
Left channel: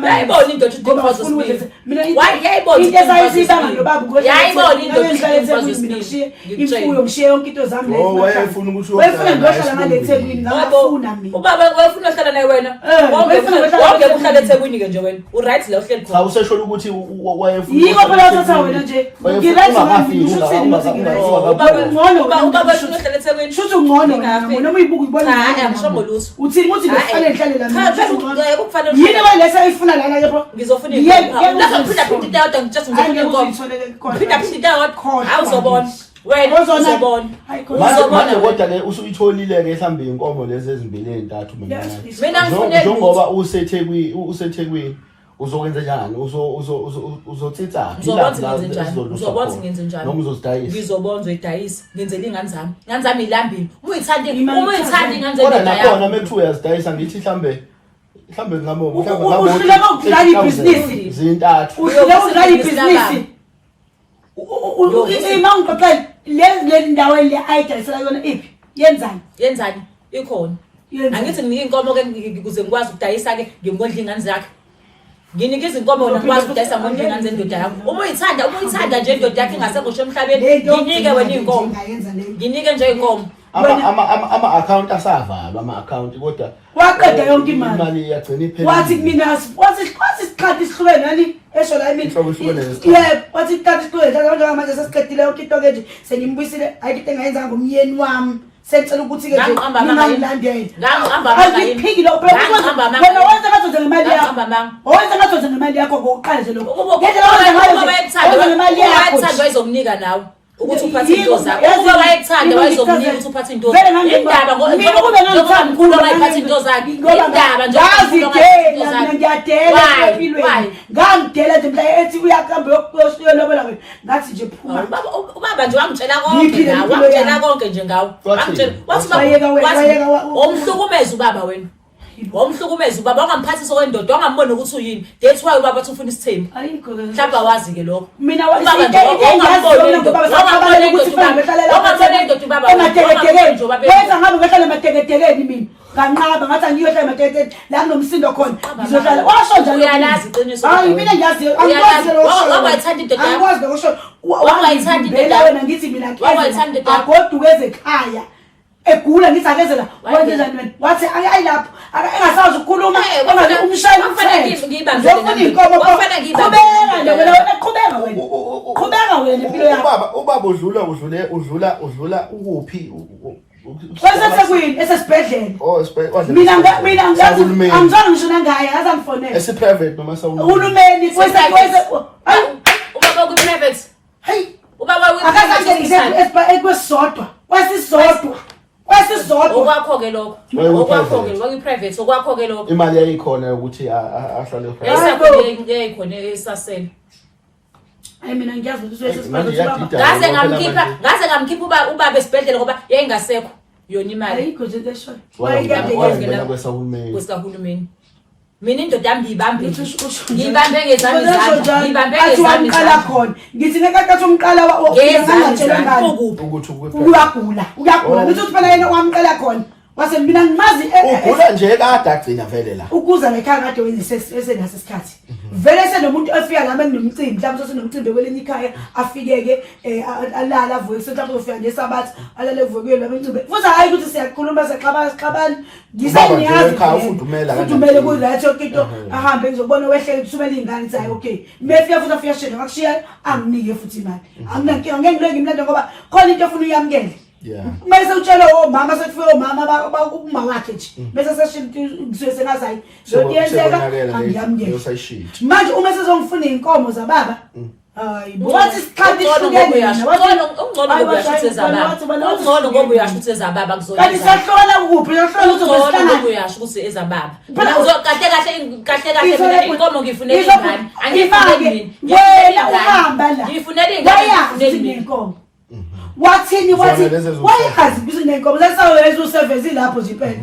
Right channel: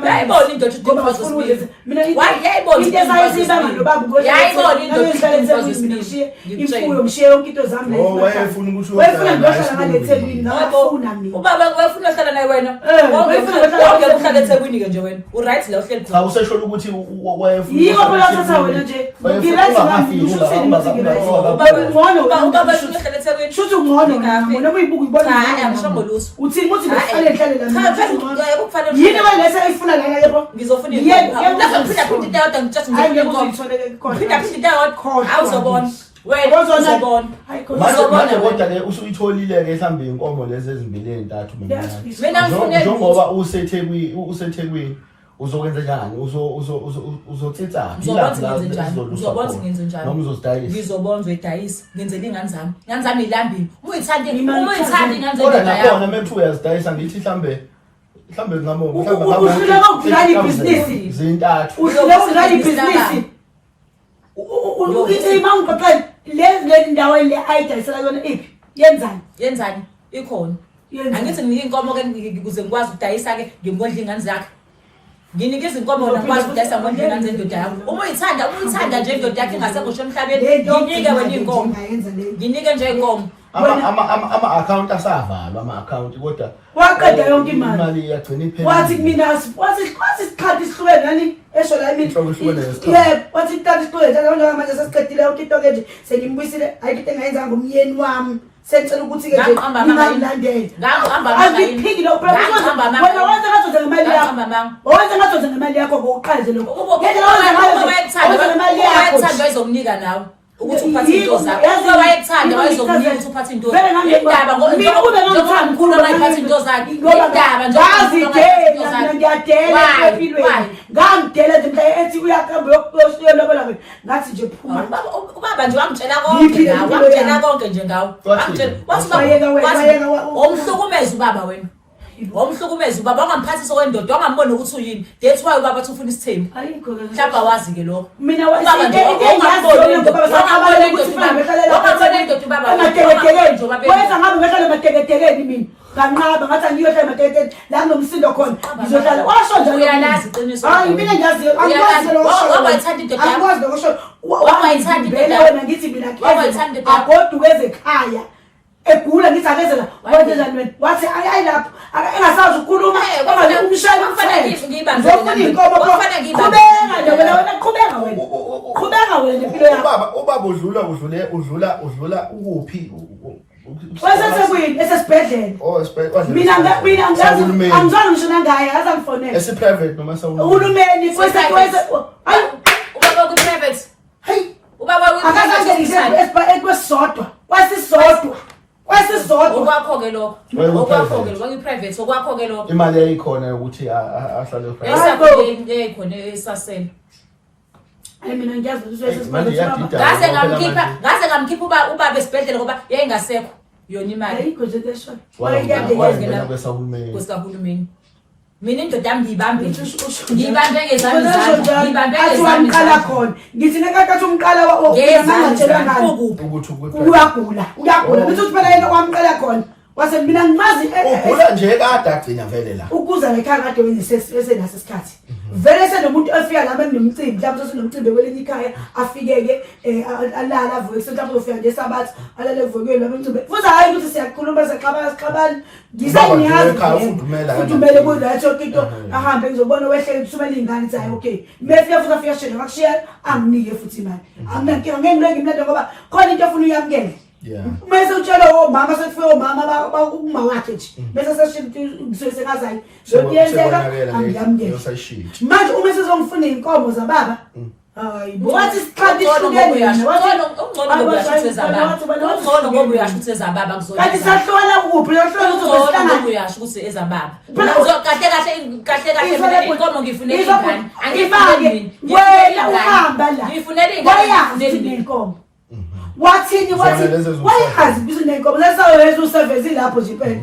yayibona into mina yayibona lo baba yayibona into imfuyo mshiye yonke into zami la wayefuna ukuthi wayefuna ngiyohlala ngale eThekwini ngabafuna mina ubaba wayefuna uhlala naye wena wonke uhlala eThekwini ke nje wena uright la uhleli cha usesho ukuthi wayefuna yiko phela uthatha wena nje ngiright ngami usho ukuthi muthi ngiright ubaba wayefuna uhlala eThekwini shuthi ungcono noma uyibuka ibona hayi uthini ukuthi ngihlale la mina kufanele yini walesa ifuna la yebo ngizofuna lapha phinda kodwa ngithatha ngizophinda awuzobona wena uzobona manje kodwa ke usuyitholile ke mhlambe inkomo lezi ezimbili ezintathu mina ngifuna njengoba useThekwini uzokwenza njani uzotsitsana uzobona ngenze njani noma uzozidayisa ngizobona uzoyidayisa ngenzela ingane zami ilambile uma uyithanda ingane zendlela yakho khona mekuthiwa uyazidayisa ngithi mhlambe ngamo uhluleka ukudlala ibhizinisi zintathu uhluleka ukudlala ibhizinisi ima ungiqoqela le ndawo le ayidayisela yona iphi yenzani ikhona angithi nginike inkomo ke ukuze ngikwazi ukudayisa ke ngimondla ingane zakhe nginikeza inkomo wena ngikwazi ukudayisa ngondla ingane zendoda yakho uma uyithanda nje indoda yakhe ingasekho emhlabeni nginike wena inkomo nginike nje inkomo ama-account asavalwa ama-account kodwa waqeda yonke imali iyagcina iphela wathi kumina wathi isikhathi isihlukene yani esho la emini yebo wathi isikhathi isihlukene njengoba manje sesiqedile yonke into ke nje sengimbuyisile ayikho engayenza ngomyeni wami sengicela ukuthi ke ngingalandele angiphiki lo wena wenza ngazoza ngemali yakho wenza ngazoza ngemali yakho ngokuqala nje lokho ngendlela ngemali yakho wayezomnika nawe ukuthi uphathe into zakho uma wayekuthanda wayezomnika ukuthi uphathe into zakho indaba mina kube ngithanda khulu wayephathe into zakho indaba nje ngiyadela empilweni ngangidela nje mhla ethi uyaqamba yokulobola wena ngathi nje phuma ubaba nje wangitshela konke nawe wangitshela konke nje ngawe wangitshela wathi umhlukumeza ubaba wena womhlukumeza ubaba wangamphathisa wendoda wangambona ukuthi uyini that's why ubaba ufuna isithembu mhlawumbe wazi ke lokho mina wenza ngabe ngehlala emateketekeni mina kanqaba ngathi angiyohlala emateketekeni la kunomsindo khona ngizohlala washo njalo uyalazi iqiniso hayi mina ngiyazi angikwazi lo wangayithanda indoda yakho angikwazi lo wangayithanda indoda wena ngithi mina agoduke ezekhaya egula ngithi akezela wenzela mina wathi ayilapho engasazi ukukhuluma ongaze umshayeli ngizofuna inkomo qhubeka wena impilo yakho ubaba udlula ukuphi Wasesekwini esesibhedlela. Oh, Mina ngazi angizona ngisho nangaye azangifonela. Esi private noma Uhulumeni kwese ubaba ku private. Hey, ubaba akazangenise ekwesodwa. Kwasisodwa. Okwakho ke lokho. Okwakho ke lokho private okwakho ke lokho. imali yayikhona ukuthi ahlale private. Esakhona khona esasela. Hayi mina ngiyazi ukuthi Ngaze ngamkhipha ubaba esibhedlela ngoba yayingasekho yona imali. ayikho nje lesho. Wayengena kwesahulumeni. Mina indoda yami ngiyibambe ngezami athi wamqala khona ngithi nekakathi umqala ngezangatshelwa ngani ukuthi uyagula ngithi uthi phela yena wamqala khona wase mina ngimazi ugula nje kade agcina vele la ukuza lekhaya kade wesenaso isikhathi vele senomuntu ofika lami enomcimbi mhlawumbe senomcimbi kwelinye ikhaya afike ke alala avuke mhlawumbe ufika nje sabathi alale evukweni lomcimbi futhi hayi ukuthi siyakhuluma sexabana ngisangiyazi futhumele kulathi into ahambe ngizobona wehle kusumela ingane ithi hayi okay mefika futhi afika shena akushiya anginike futhi imali anginankinga ngeke ngilenge imlando ngoba khona into efuna uyamkele. Mase utshela omama sekufike omama bakuma wakhe nje bese seshinto ngisuke sengazayi zokuyenzeka angiyamngeke manje uma sezongifuna inkomo zababa hayi wathi isikhathi ihlukene ungcono ngoba uyashuthe ezababa kuzona kanti sahlola kuphi yohlola ukuthi ngoba uyasho ukuthi ezababa kahle mina inkomo ngifunela ingane angifake wena uhamba la ngifunela ingane inkomo wathini wayazi bizo nenkomo lesaweza usevezi lapho nje impela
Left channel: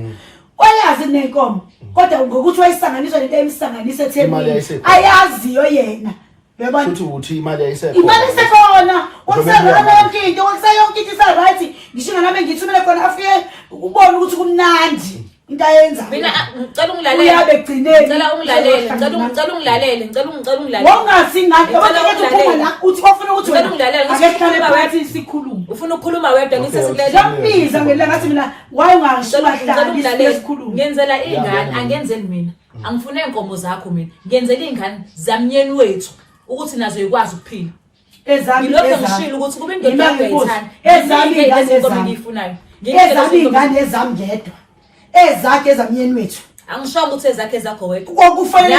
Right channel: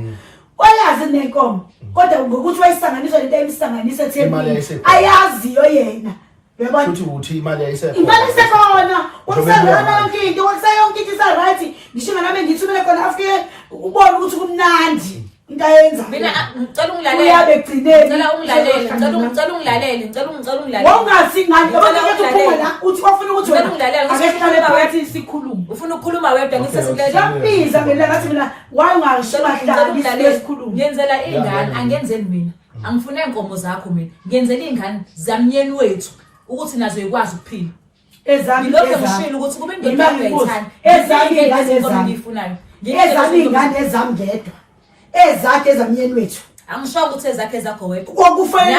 wayazi nenkomo kodwa ngokuthi wayisanganiswa lento emsanganise ethembile ayaziyo yena yabona ukuthi imali isekhona wakusayona yonke into isa right ngisho nami ngithumele khona afike ubone ukuthi kumnandi into ayenza mina ngicela ungilalele uyabe gcineni ngicela ungilalele wongathi ngani abakuphuma la uthi bafuna ukuthi wena ungilalele ngisehlale phakathi sikhuluma ufuna ukukhuluma wedwa ngisesilela ngiyambiza ngelanga ngathi mina waye ungashibahlala isikhuluma ngenzela ingane angenzeli mina angifune inkomo zakho mina ngenzela ingane zamnyeni wethu ukuthi nazo ikwazi ukuphila ezami ngishilo ukuthi kube indoda uyayithanda ezami ngifunayo ingane ezami ngedwa ezakhe ezamnyeni wethu angisho ukuthi ezakhe zakho wedwa kufanele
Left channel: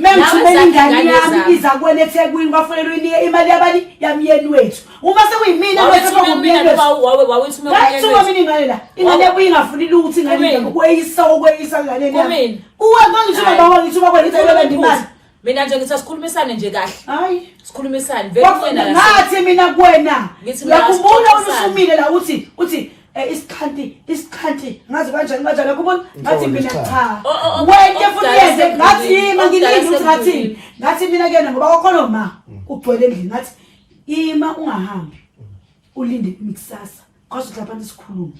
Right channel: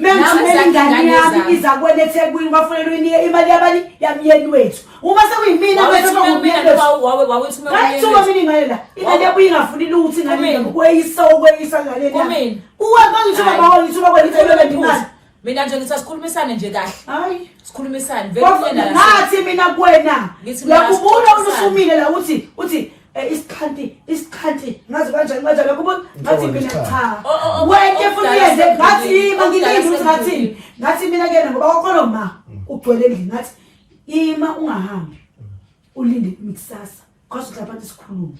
ngithumele ingane yami iza kwena eThekwini kwafanele uyinike imali yabani yamyeni wethu uma sekuyimina bese ngomina wawethuma mina ingane la ingane ebuye ingafuni lutho ingane kweyisa ngane yami ngangithuma baba ngithuma kwena icela imali mina nje ngithi sikhulumisane nje kahle hayi sikhulumisane vele wena ngathi mina kuwena yakubona usumile la uthi isikhanti ngazi kanjani kubona ngathi mina cha wena futhi yenze ngathi ngilinde ukuthi ngathi mina kena ngoba kwakhona ma ugcwele endlini ngathi ima ungahambi ulinde ikusasa cause lapha sikhuluma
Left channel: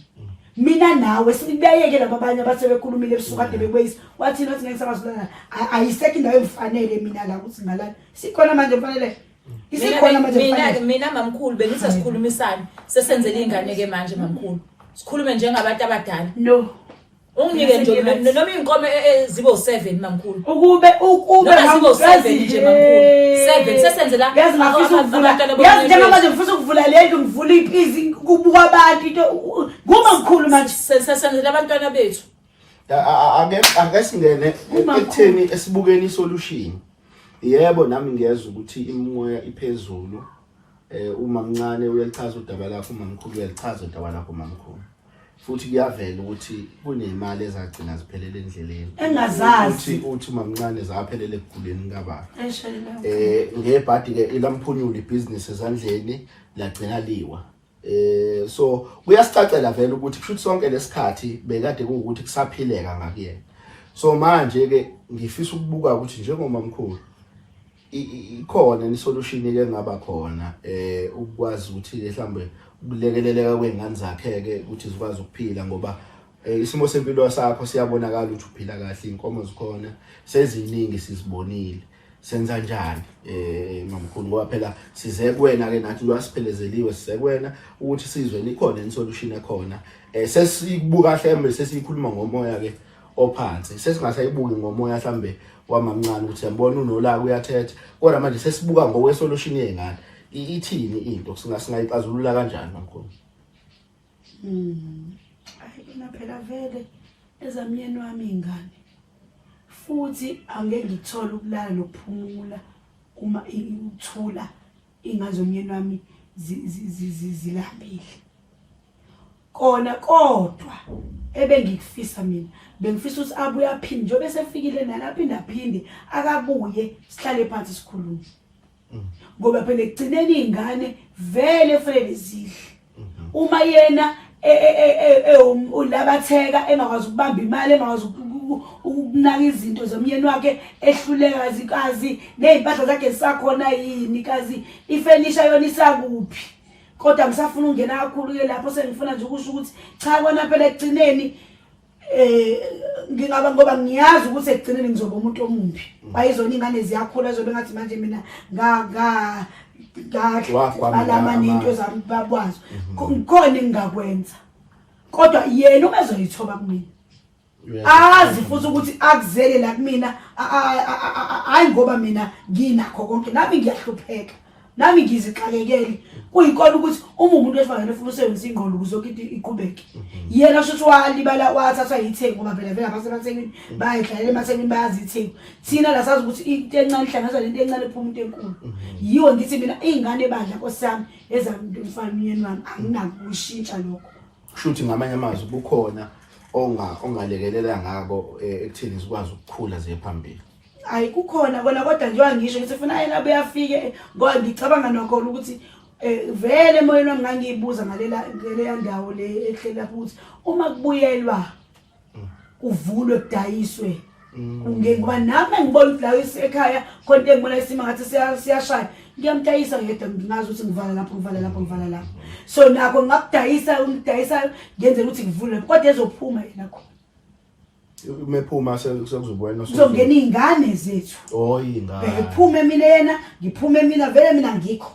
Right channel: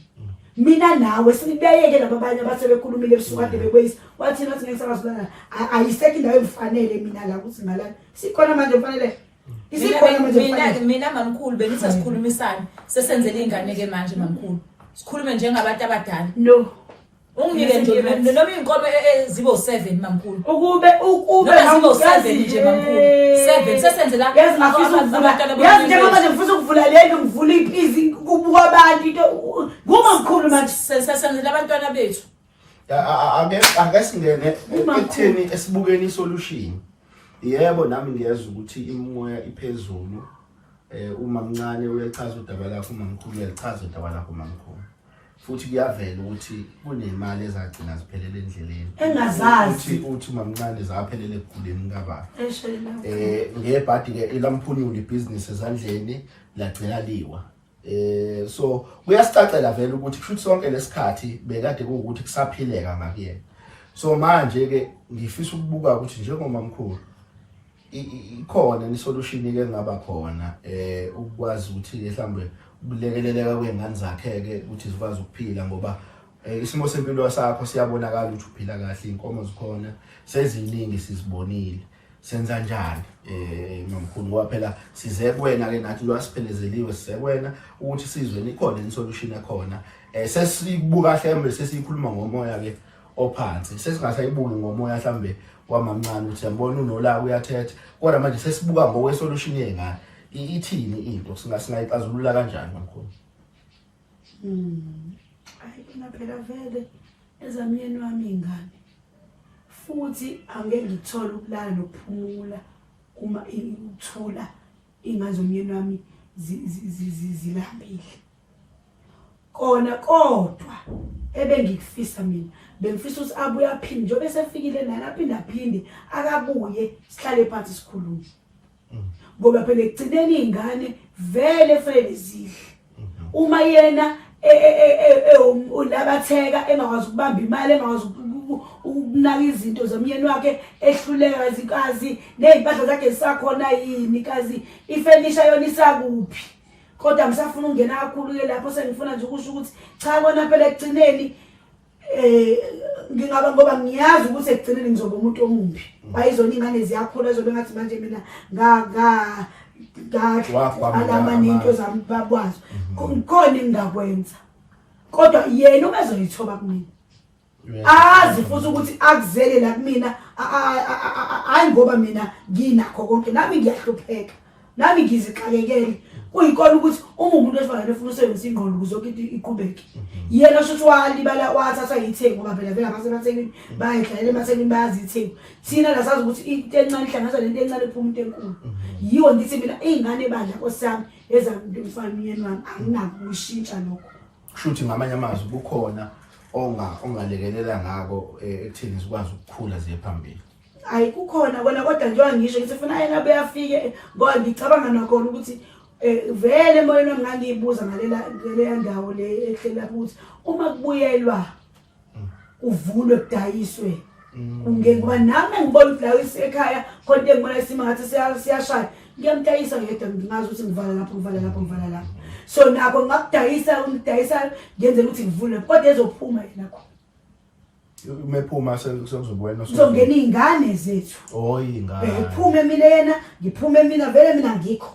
mina nawe sibeyeke laba abanye abasebekhulumile ebusuku kade bekweyisa wathi nathi ngeke sabazulana ayisekho indawo emfanele mina la ukuthi ngalana sikhona manje mfanele isikhona manje mina mamkhulu bengithi sikhulumisane sesenzele ingane ke manje mamkhulu sikhulume njengabantu abadala no ungike nje noma inkomo zibo 7 mamkhulu ukube zibo 7 nje mamkhulu 7 sesenzela yazi ngafisa ukuvula yazi njengoba nje ngifisa ukuvula lento ngivula ipizi kubuka abantu into ngumamkhulu manje sesenzela abantwana bethu ake singene ekutheni esibukeni isolution. Yebo nami ngiyeza ukuthi imoya iphezulu uma mncane uyalichaza udaba lakho mamkhulu uyalichaza udaba lakho mamkhulu futhi kuyavela ukuthi kunemali ezagcina ziphelele endleleni engazazi uthi mamncane zaphelele ekuguleni kababa ngebhadi ke ilamphunyula ibusiness ezandleni lagcina liwa so kuyasicacela vele ukuthi kushuthi sonke lesikhathi bekade kuukuthi kusaphileka ngakuyena so manje ke ngifisa ukubuka ukuthi njengomamkhulu ikhona isolution ke ngaba khona ukwazi ukuthi mhlambe ukulekeleleka kwengane zakhe ke ukuthi zikwazi ukuphila ngoba isimo sempilo sakho siyabonakala ukuthi uphila kahle inkomo zikhona seziningi sizibonile senza njani mamkhulu ngoba phela size kuwena ke nathi lo siphelezeliwe size kuwena ukuthi sizwe likhona isolution ekhona sesibuka mhlambe sesikhuluma ngomoya ke ophansi sesingasayibuki ngomoya mhlambe wamamncane ukuthi yambona unolaka uyathetha kodwa manje sesibuka ngokwesolution yengane ithini into singayixazulula kanjani mamkhulu Hayi mina phela vele ezamyeni wami ingane. Futhi angeke ngithole ukulala nokuphumula uma uthula ingazomyeni wami zilambile. Kona kodwa ebengikufisa mina bengifisa ukuthi abuye aphinde njengoba esefikile nalapha aphinde akabuye sihlale phansi sikhulume. Ngoba phela ekugcineni izingane vele kufanele zidle. Uma yena ulabatheka engakwazi ukubamba imali engakwazi ukunaka izinto zomyeni wakhe ehluleka zikazi nezimpahla zakhe zisakhona yini kazi ifurniture yona isakuphi. Kodwa ngisafuna ungena kakhulu ke lapho sengifuna nje ukusho ukuthi cha kona phela ekugcineni ngingaba ngoba ngiyazi ukuthi ekugcineni ngizoba umuntu omumbi. Bayizona ingane ziyakhula zobe ngathi manje mina alama nento zami babwazi khona engakwenza. Kodwa yena ubezoyithoba kumina. Azi futhi ukuthi akuzele la kumina hayi ngoba mina nginakho konke nami ngiyahlupheka. Nami ngizixakekele kuyikona ukuthi uma umuntu esifanele ufuna usebenzisa ingqondo ukuzokithi iqhubeke. Yena shothi walibala wathathwa yithengu ngoba phela vele abasebenzi bayidlalela emathekweni bayazithengu. Thina la sazi ukuthi into encane ihlanganisa lento encane iphuma into enkulu. Yiwo ngithi mina izingane badla nkosami ezamntu mfana umyeni wami anginako ukushintsha lokho. Kushuthi ngamanye amazwi kukhona ongalekelela ngabo ekutheni sikwazi ukukhula ziye phambili. Hayi kukhona kona kodwa njengoba ngisho ngithi ufuna yena beyafike ngoba ngicabanga nokhona ukuthi vele emoyeni wami ngangiyibuza ngalela ndawo le ehlela futhi uma kubuyelwa kuvulwe kudayiswe kungeke ngoba nami ngibona ukuthi la ekhaya konke engibona isimo ngathi siyashaya ngiyamdayisa ngedwa ngingazi ukuthi ngivala lapho so nakho ngakudayisa ngenzela ukuthi ngivule kodwa ezophuma yena khona mephuma sekuzobuwena uzongena izingane zethu ingane ephume mina yena ngiphume mina vele mina ngikho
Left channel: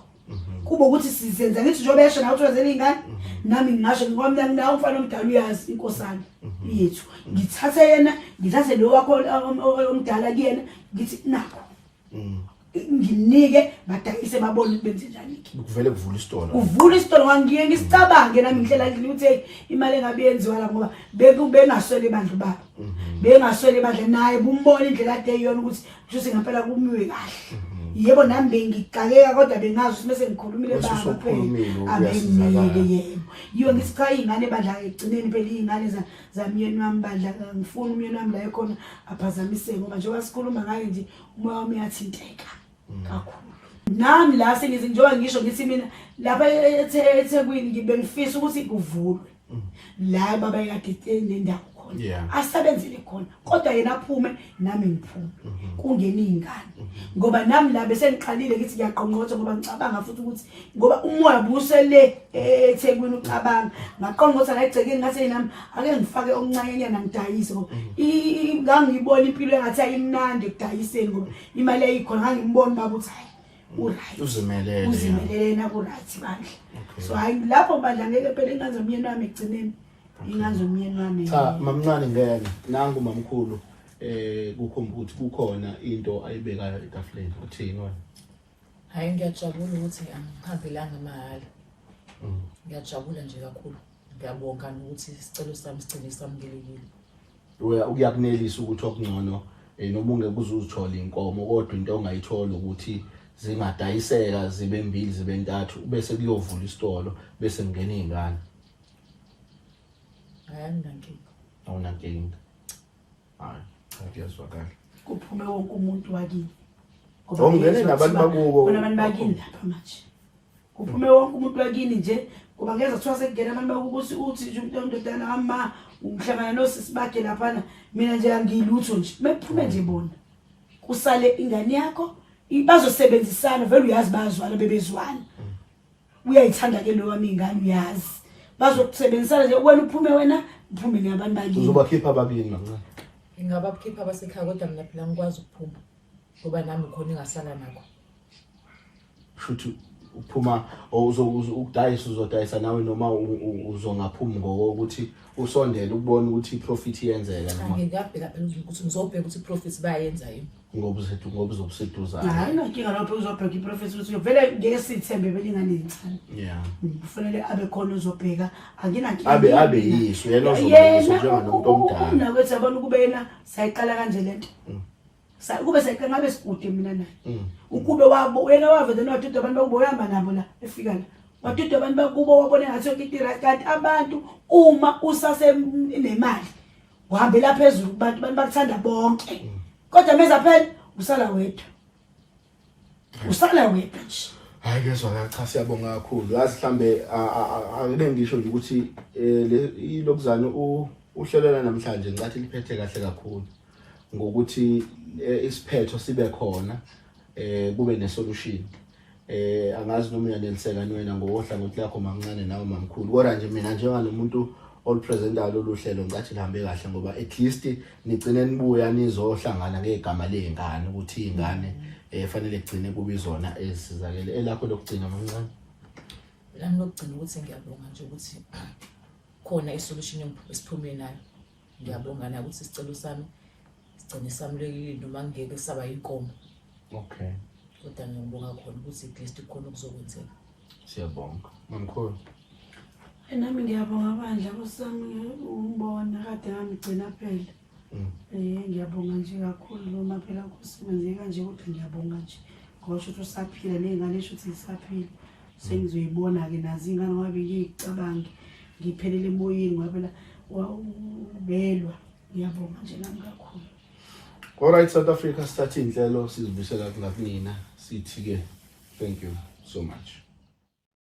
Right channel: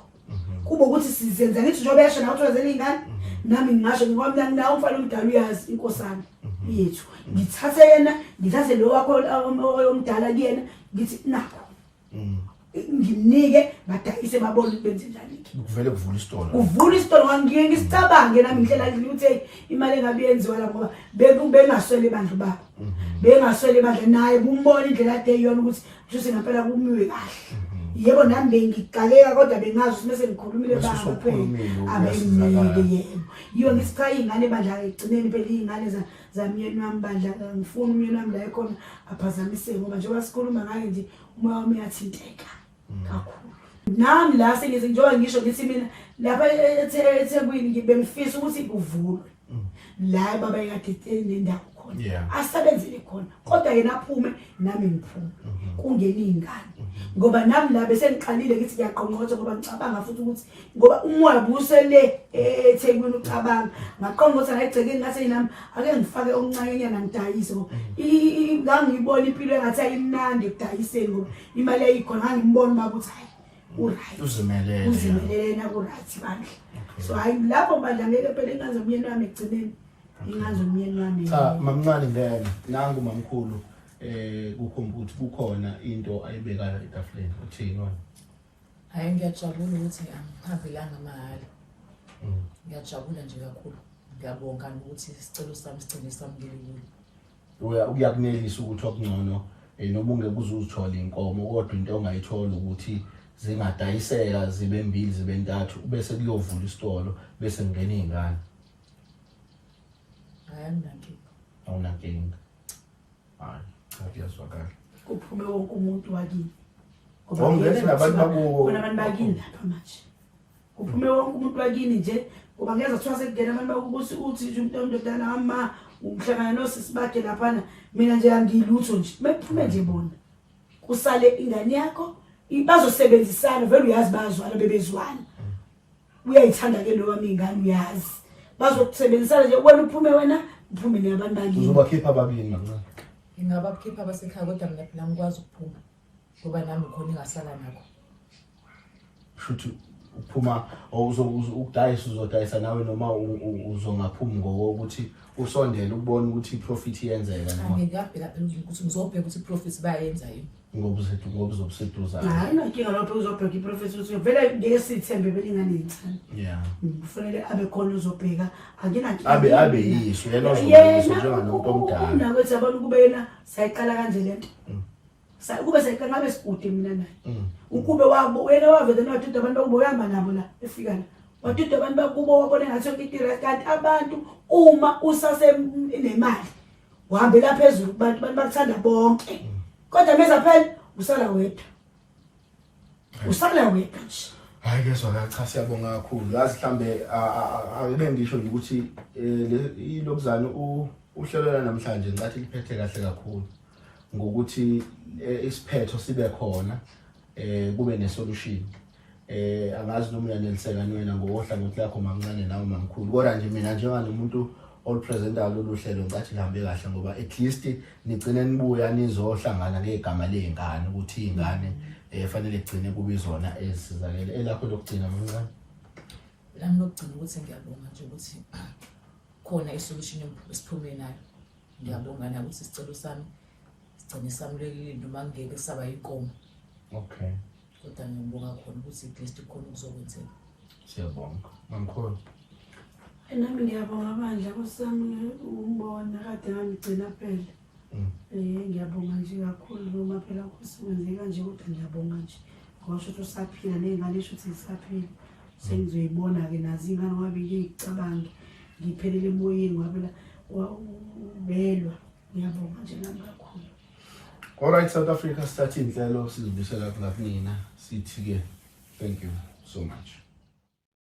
kuba ukuthi sizenza ngithi njengoba yasho nawe uthwezela izingane nami ngingasho ngoba mina nginawo umfana omdala uyazi inkosana yethu ngithathe yena ngithathe lo wakho omdala kuyena ngithi nakho ngimnike badayise babone benze njani kuvele kuvula isitolo ngiye ngisicabange nami ngihlela ngithi imali engabe yenziwa la ngoba bengaswele bandlu babo bengaswele bandle naye bumbona indlela ade yona ukuthi kusho ngempela kumiwe kahle yebo nami bengigakeka kodwa bengazi ukuthi bese ngikhulumile baba phela abenginike yebo yiyo ngithi cha izingane bandla egcineni phela izingane zamyeni wami bandla ngifuna umyeni wami la ekhona aphazamiseke ngoba njengoba sikhuluma ngayo nje umoya wami uyathinteka kakhulu. Nami la sengize njengoba ngisho ngithi mina lapha eThekwini ngibengifisa ukuthi kuvulwe la baba yakade nendawo khona asebenzele khona kodwa yena aphume nami ngiphume kungena izingane ngoba nami la bese ngiqalile ngithi ngiyaqonqotha ngoba ngicabanga futhi ukuthi ngoba umoya busele eThekwini ucabanga ngaqonqotha ngayigceke ngathi nami ake ngifake okuncane ngidayise ngoba ngangiyibona impilo engathi ayimnandi ekudayiseni ngoba imali eyikhona ngangimbona baba uthi hayi uright uzimelele na ku right bandla so hayi lapho bandla ngeke phela ingazi umyeni wami egcineni ingazi umyeni wami cha mamncane ngene nangu mamkhulu kukhomba ukuthi kukhona into ayibekayo etafuleni uthini wena hayi ngiyajabula ukuthi angihambelanga mahhala ngiyajabula nje kakhulu ngiyabonga ukuthi isicelo sami sigcine samukelekile uyakunelisa ukuthi okungcono noma ungeke uzuzithola inkomo kodwa into ongayithola ukuthi zingadayiseka zibe mbili zibe ntathu bese kuyovula isitolo bese ngene izingane awunankinga hayi ngiyazwakala kuphume wonke umuntu wakini ngeke nabantu bakubo bona abantu bakini lapha manje kuphume wonke umuntu wakini nje ngoba ngeza kuthiwa sekungena abantu bakubusi uthi nje umuntu omdodana ama ungihlangana nosisi bakhe lapha mina nje angilutho nje mephume nje bona kusale ingane yakho bazosebenzisana vele uyazi bazwana bebezwana uyayithanda ke lo wami ingane uyazi bazokusebenzisana nje wena uphume nabantu bakini uzobakhipha ababini mancane ingabakhipha abasekhaya kodwa mina phela ngikwazi ukuphuma ngoba nami khona engasala nakho futhi uphuma ukudayisa uzodayisa nawe noma uzongaphumi ngokuthi usondele ukubona ukuthi iprofit iyenzeka noma ngiyabheka phela ukuthi ngizobheka ukuthi iprofit bayenza yini ngoba uzobuseduza hayi inkinga lapho uzobheka iprofit ukuthi vele ngeke sithembe belingane incane yeah kufanele abe khona uzobheka akinankinga abe yiso yena ozobheka njengomuntu omdala nakwethu abona kube yena sayiqala kanje lento kube sayiqala ngabe sikude mina naye ukube wabo wena wavele nodudu abantu bakubo uyamba nabo la efika la wadudu abantu bakubo wabona ngathi yonke itira kanti abantu uma usase nemali uhambela phezulu abantu bakuthanda bonke kodwa meza phela usala wedwa nje hayi kezwa cha siyabonga kakhulu yazi mhlambe ake ngisho nje ukuthi ilokuzana uhlelela namhlanje ngicathi liphethe kahle kakhulu ngokuthi isiphetho sibe khona kube nesolution angazi noma uyaneliseka niwena ngohlangothi lakho mamncane nawe mamkhulu kodwa nje mina njenganomuntu olupresentayo loluhlelo ngicathi lihambe kahle ngoba at least nigcine nibuya nizohlangana ngegama lezingane ukuthi izingane fanele igcine kubizona ezisizakele elakho lokugcina mamncane lami lokugcina ukuthi ngiyabonga nje ukuthi khona isolution esiphume nayo ngiyabonga na ukuthi isicelo sami sigcine samulekile noma ngeke saba inkomo okay kodwa ngiyabonga khona ukuthi at least khona kuzokwenzeka siyabonga mamkhulu nami ngiyabonga bandla kusami umbona kade ngigcina phela ngiyabonga nje kakhulu noma phela kusimenzeka nje kodwa ngiyabonga nje ngoba ukuthi usaphila nezingane esho ukuthi zisaphila sengizoyibona ke nazi ingane ngabe ngiyicabangi ngiphelele emoyeni ngoba phela ubelwa ngiyabonga nje nami kakhulu. Alright South Africa start inhlelo sizibusela kunina sithi ke thank you so much.